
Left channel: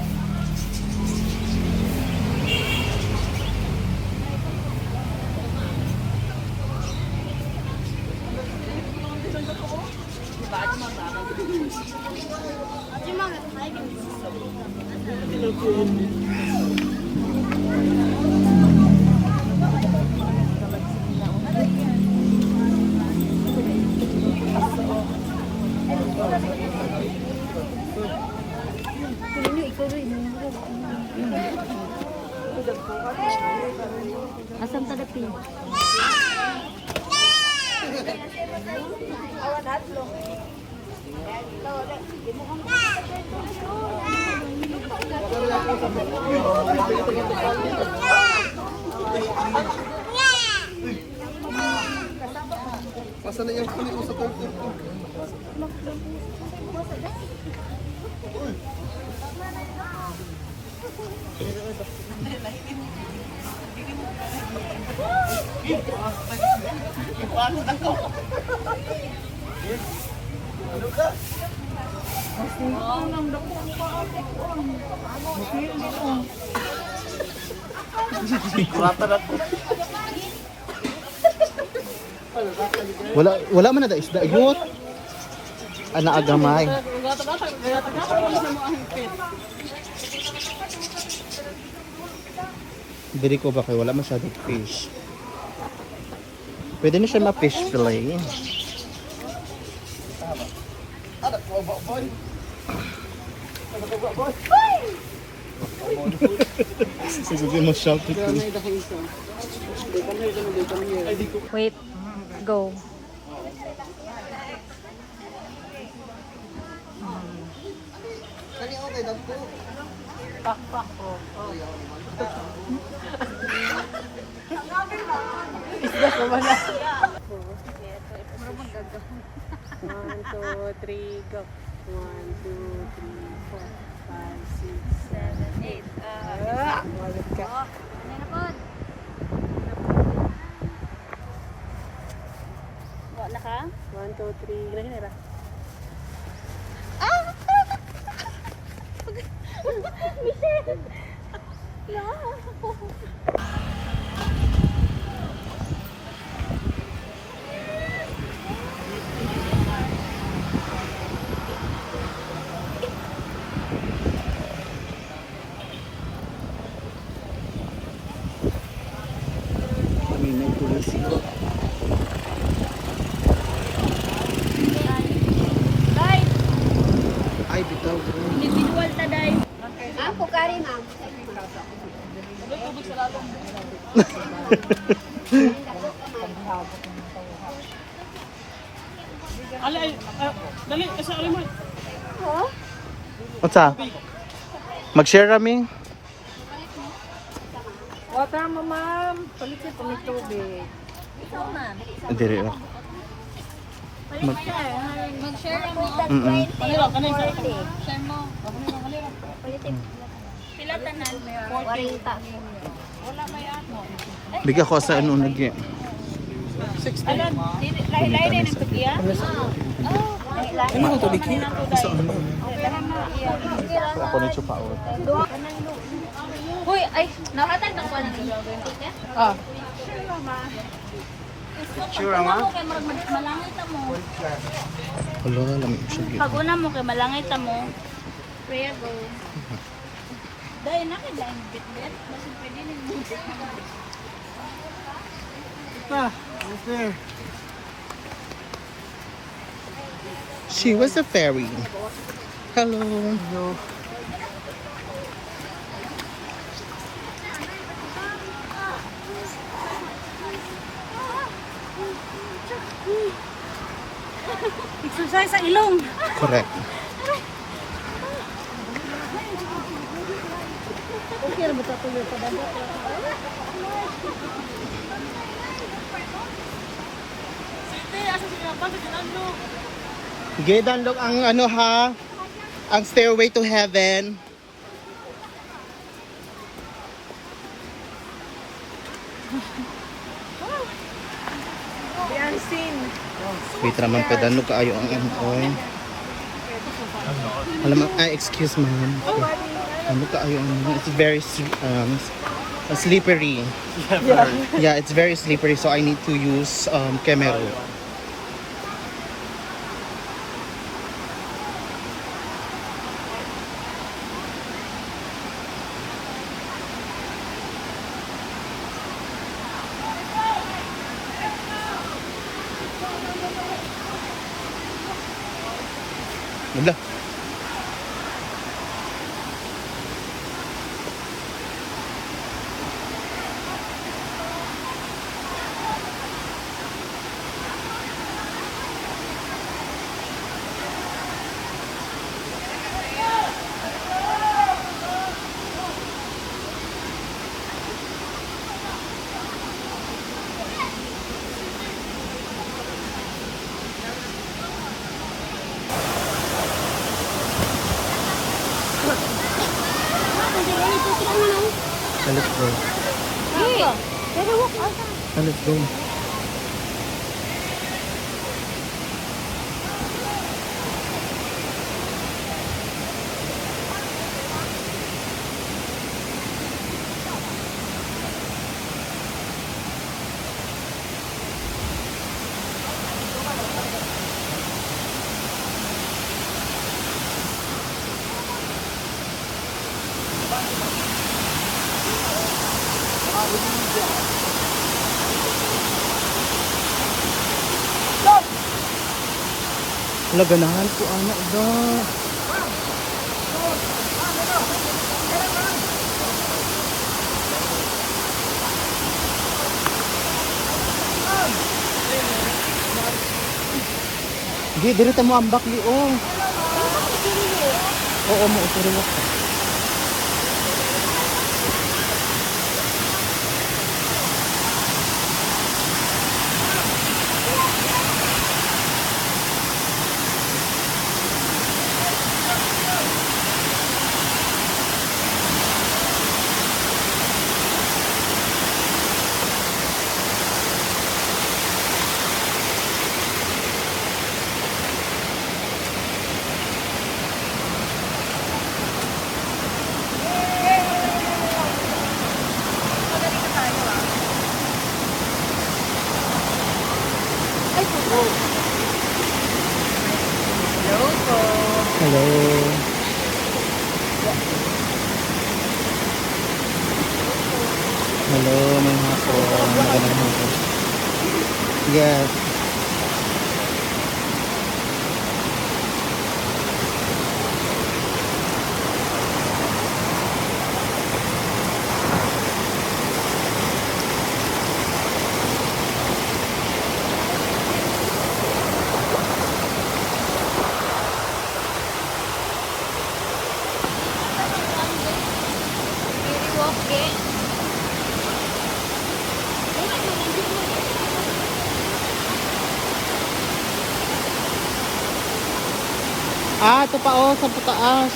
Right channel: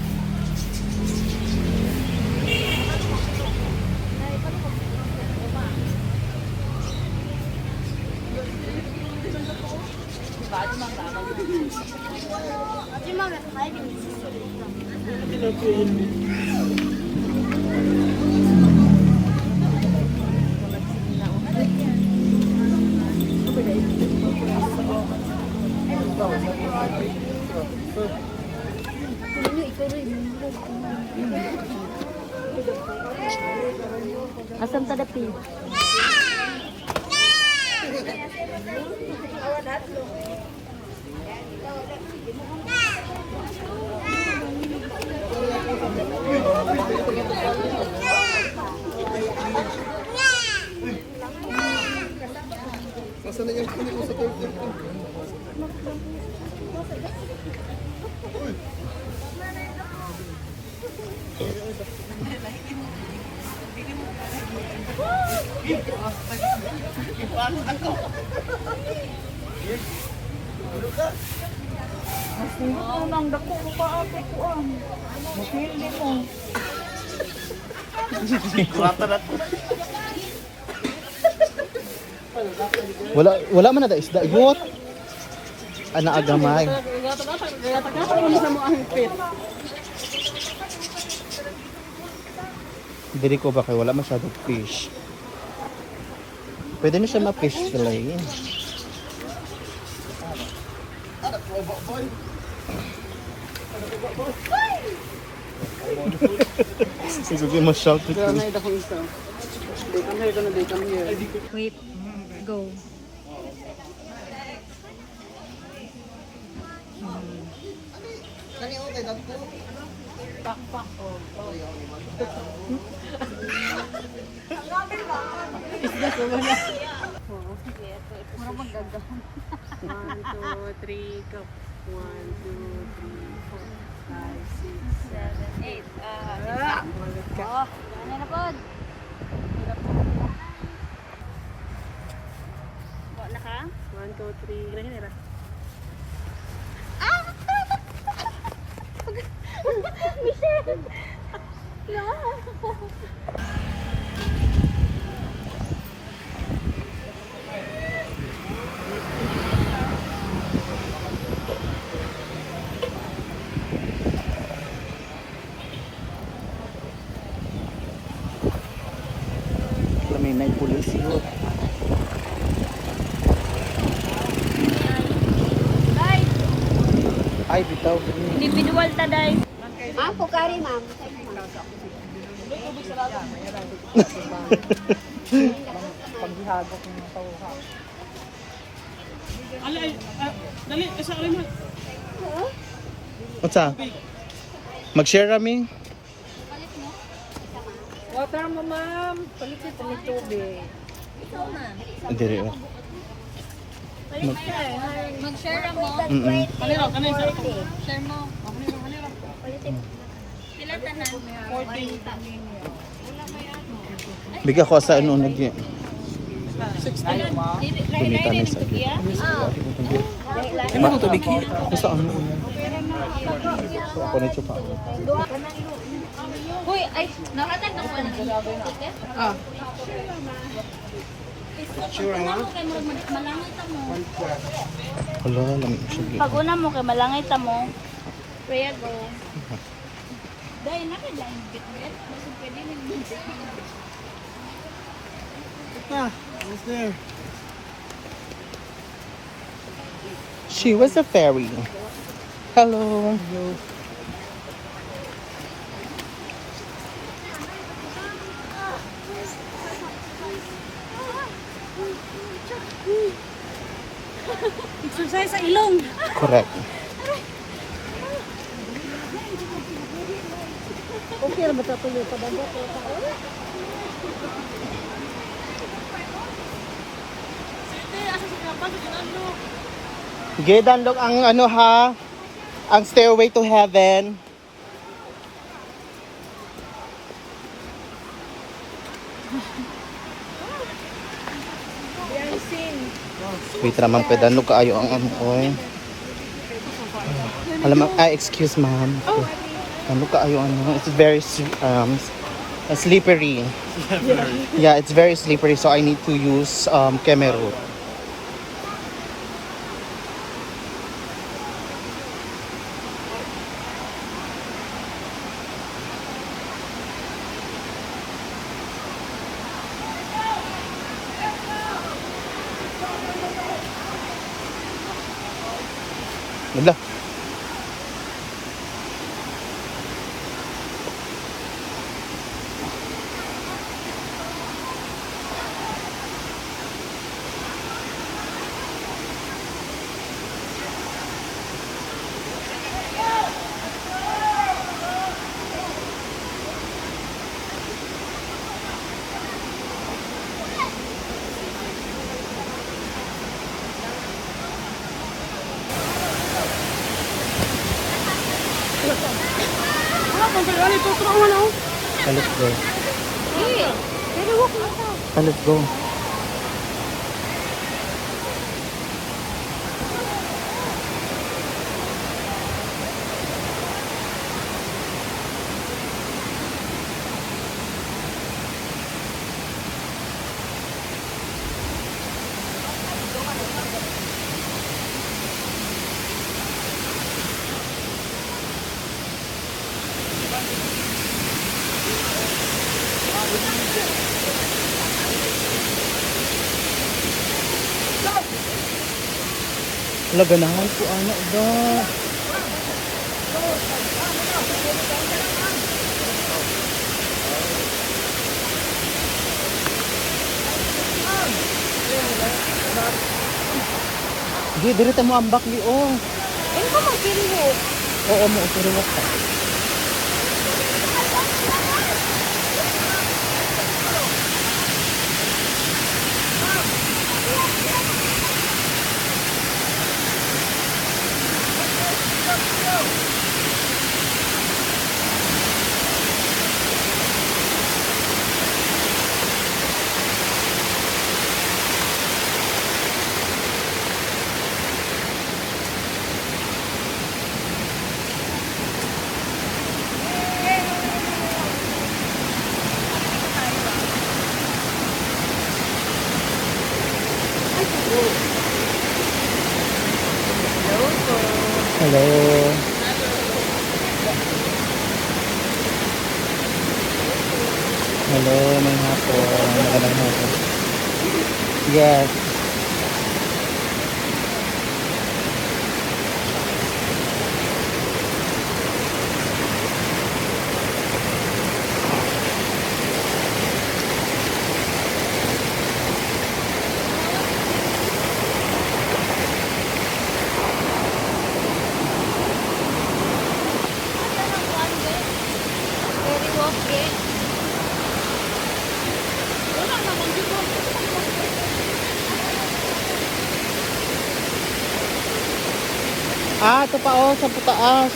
Asam tadapi. Masa na yung kunin mo sa pulpul ko? Wala man na da isda yut. Ana agamay. Gata-gata kami sa mga higpit. Diri ko ba kay wala masyadong fish. Pwede na siya ma-fish fillet. Sige mo shout to. Gamay da ko isa. They come here, they come here. Wait. Go. Kani okay dako. Pak ko. Isda ko man. Sige, ito ipasisyo. 1, 2, 3, go. 1, 2, 3, 4, 5, 6, 7, 8. Diba? Malit ka. Oh, gano'n na po. Wala ka? 1, 2, 3. Ganyan na. May night police yun. Day, Ay, bitaw. individual ta, Day. Ako kari, ma'am. Alay, dali, asa alay mo. What's up? Mag-share kami? Water mo, ma'am. Palikit ng tubig. Diri oh. Mag-share mo. Kanila, kanila sa ato. Share mo. Pila tanan? 40. Bigyan ko sa ano nag 60. Kumita na sa akin. Ano mo tubig? Sa ano? Ako nito pa. Hoy, ay, nakatag na ko ng ticket? Ah. Pag una mo kay malangit mo. Hala, lamig siya. Pag una mo kay malangit mo. Pray go. Dahil nakadain bit-bit. Basta pwede na bit-bit. What's there? She was a fairy. Hello. Exercise sa ilong. Correct. Okay na ba ito yung padanda? Sige, danlog ang ano ha. Ang Stairway to Heaven. Wait naman pa danlog kaayo ang ano oy. Alam mo, excuse ma'am. Ano kaayo ano? It's very slippery. Yeah, it's very slippery so I need to use camera. Wala. Let's go. Let's go. Laganahan ko anak ba. Di, dito mo ang bakli, oh. Ano ba mag-kiri? Oo, mo, usuruwak ka. Hello. Hello, may hapon. Magandang hapon. Yes. Ah, ito pa oh, sa taas.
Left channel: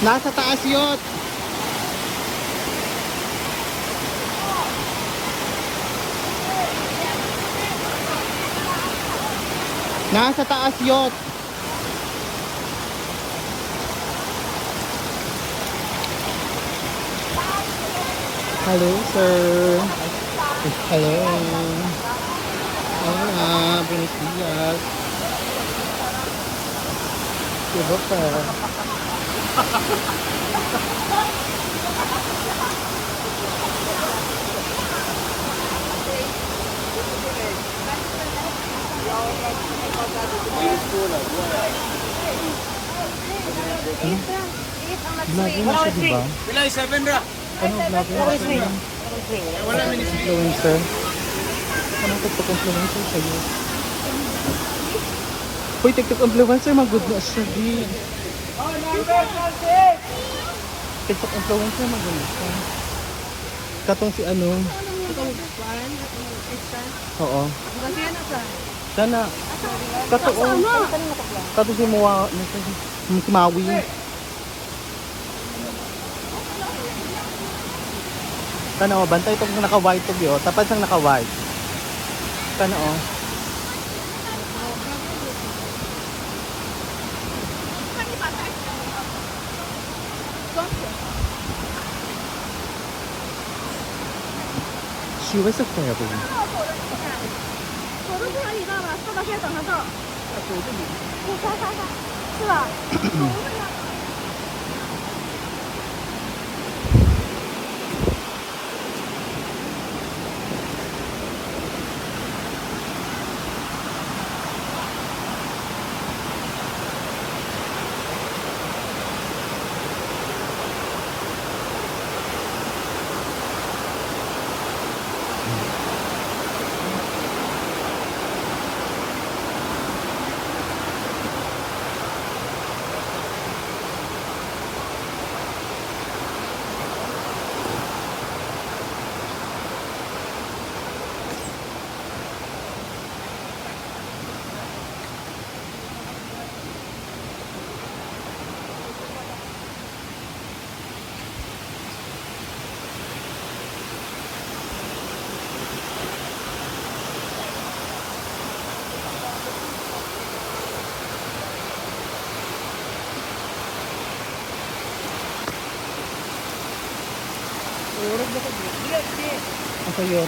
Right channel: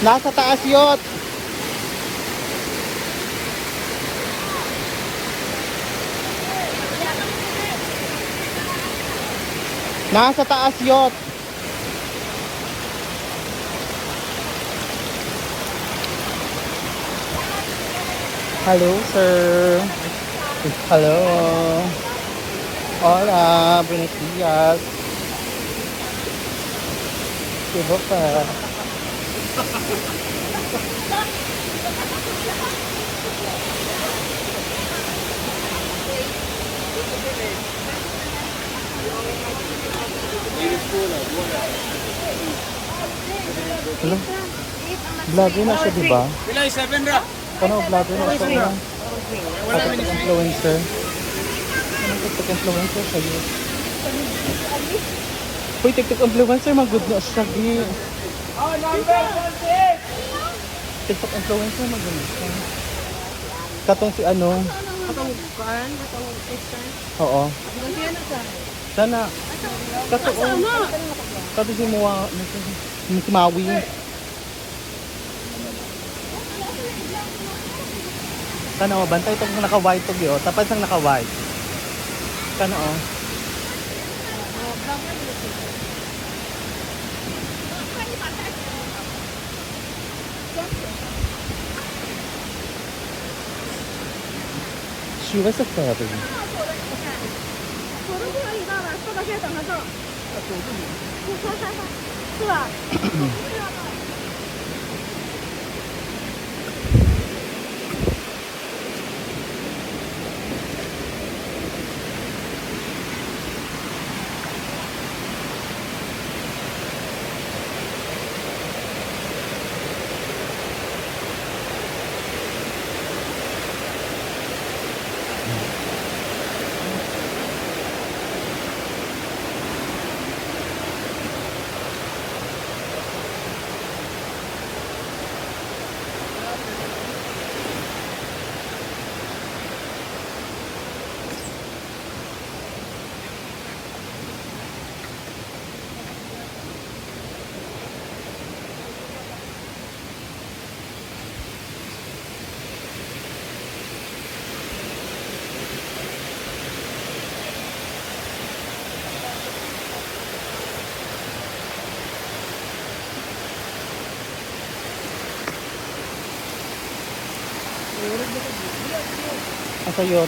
Nasa taas yot. Nasa taas yot. Hello, sir. Hello. Hola, buenos días. Diba ka? Ano? Vlogger na siya, diba? Pilay 7 ra. Ano vlogger na siya? Wala minutes. Influencer. Anong TikTok influencer sa'yo? Uy, TikTok influencer, mag-good na siya, di. TikTok influencer, mag-good na siya. Katong si ano? Oo. Sana. Katong. Katong si Muwa. Si Maui. Sana o, bantay pag naka-white to yun. Tapos ang naka-white. Sana o. She was a fairy. Asa yun?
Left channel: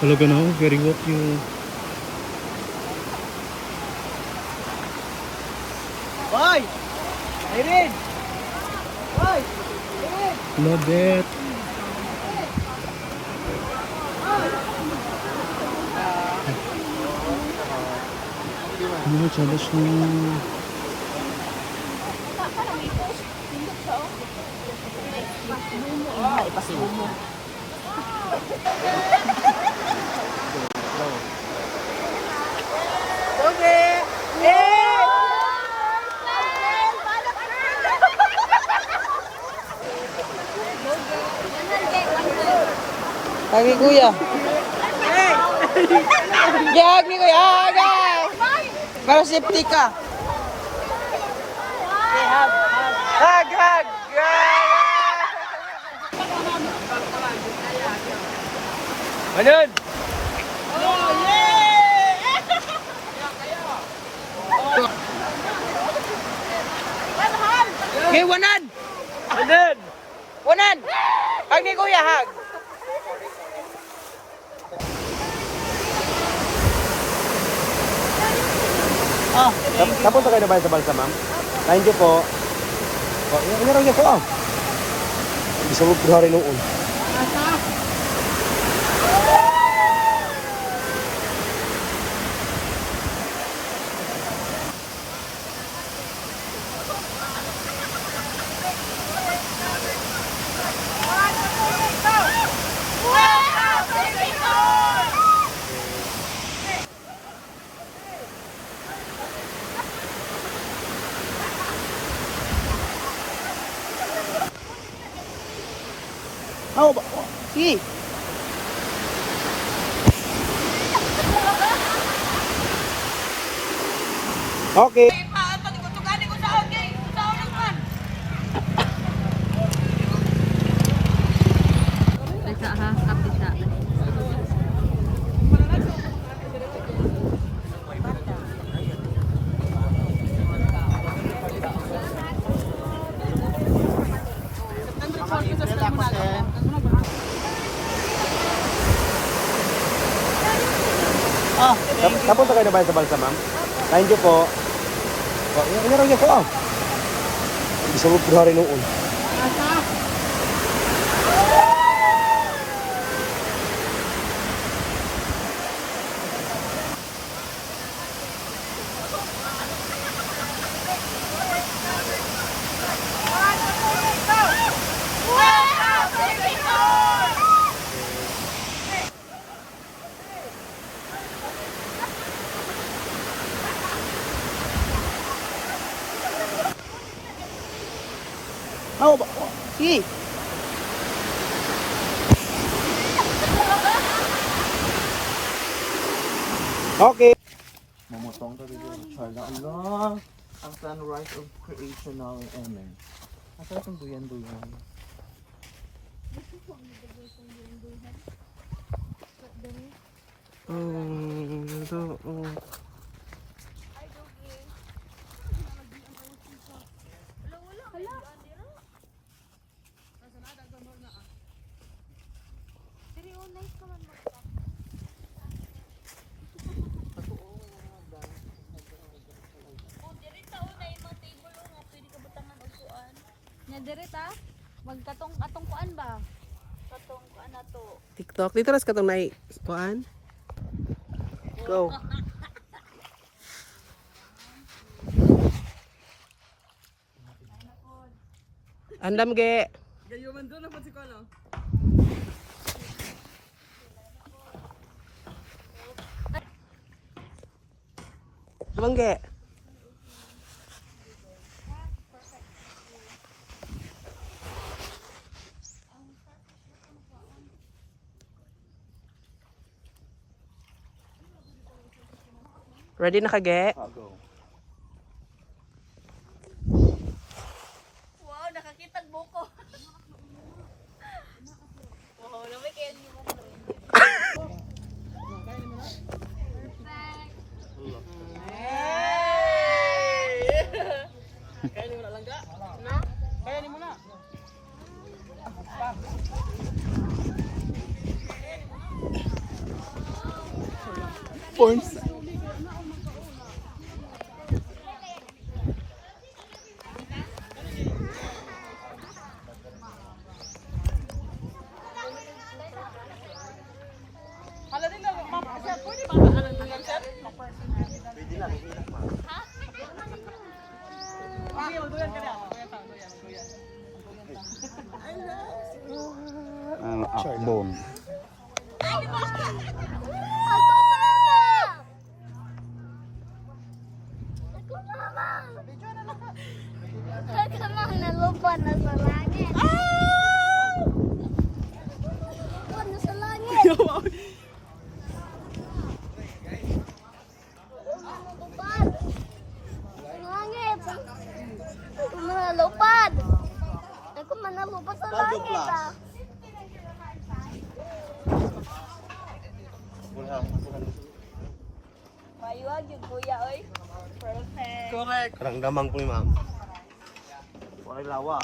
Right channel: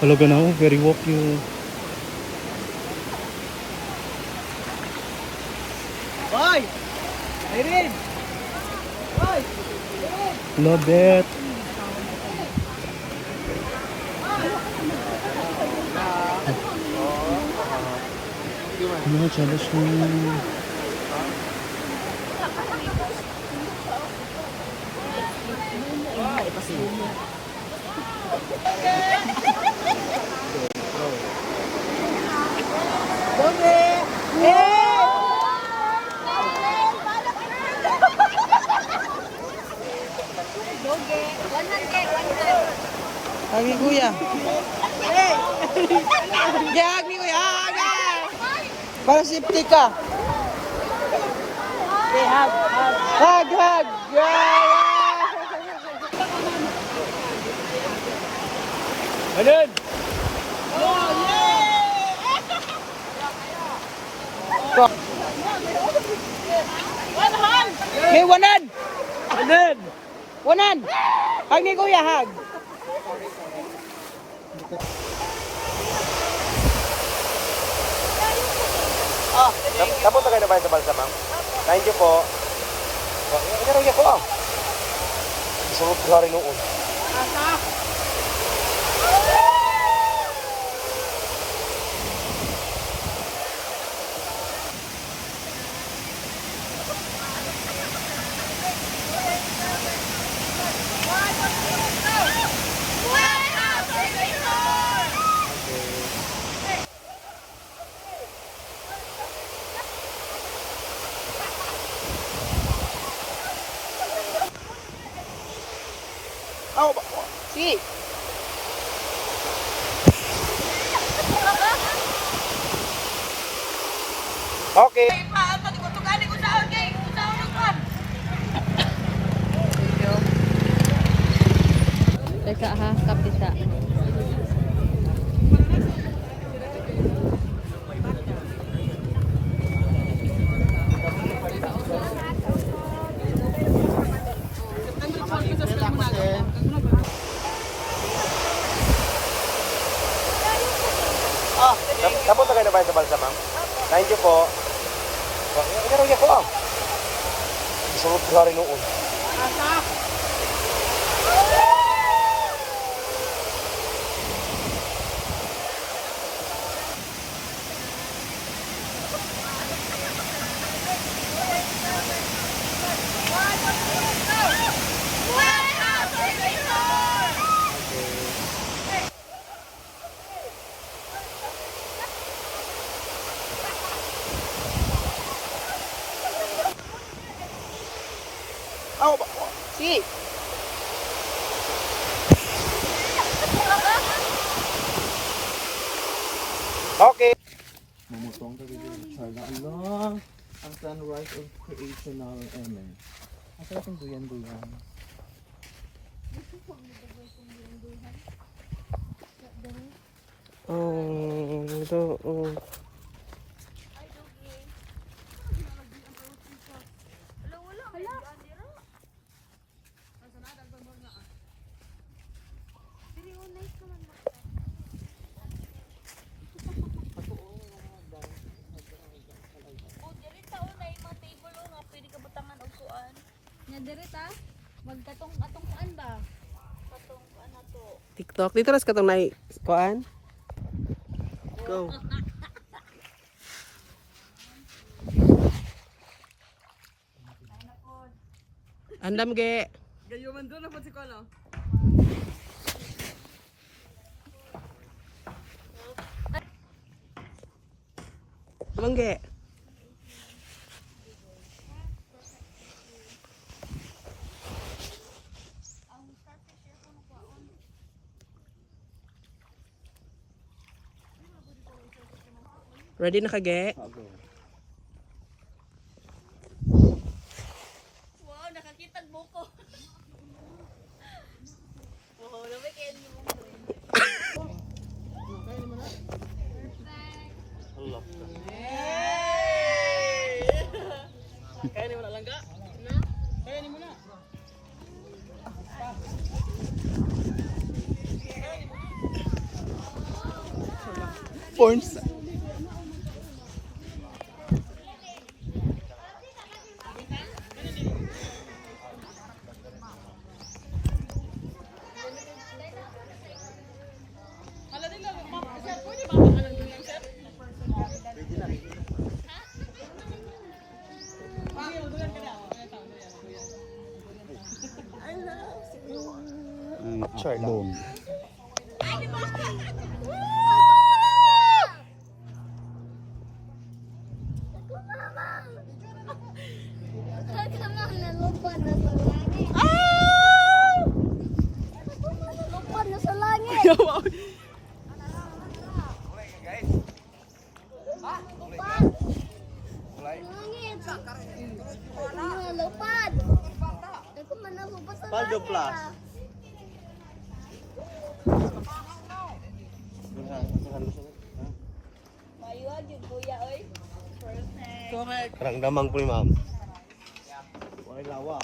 Talaga na, very walk you. Hoy! Irene! Hoy! Love it. Ano, challenge mo. Lagi kuya. Gag ni kuya, gag. Para safety ka. Hag, hag. Ganyan! May wanan. Wanan. Hag ni kuya, hag. Kapag kayo na ba sa bansa, ma'am? Thank you po. Ini lang yan. Bisa mo pulari ng un. Sige. Okay. Teka ha, kapita. Kapag kayo na ba sa bansa, ma'am? Thank you po. Ini lang yan. Bisa mo pulari ng un. Sige. Okay. Mamutong tayo dito, Charla. Allah, ang sunrise of creation na ang Amen. Asa itong duyan-duyan? Oh. Direta, magkatong atong kuan ba? Atong kuan na to. TikTok. Dito ras katong nai kuan. Go. Andam ge. Gayo man doon na po si Kono. Dumangge. Ready na kage? Go. Wow, nakakita buko. Wow, lamay kaya ni mo. Kaya ni mo na langga? Kaya ni mo na. Porn. Ang akbon. Kamang nalupad na sa langit. Lupad na sa langit. Lupad. Langit. Nalupad. Ako man nalupad sa langit. Mayuan yung kuya, oy. Perfect. Parang damang ko ni ma'am. Wala lawa.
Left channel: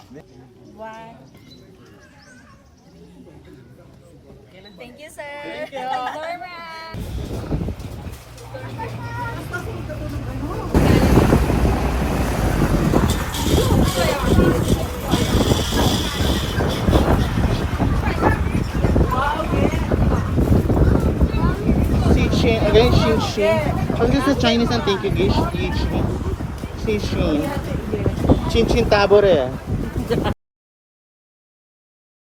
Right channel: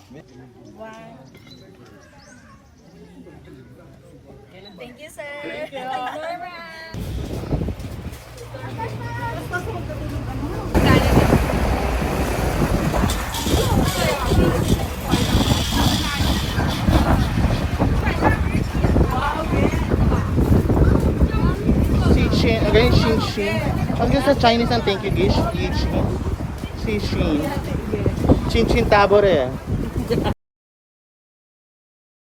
Thank you, sir. Thank you. Norma. Shin, again, Shin Shin. Pag sa Chinese ang thank you, Gish. Shin Shin. Chin Chin Tabore.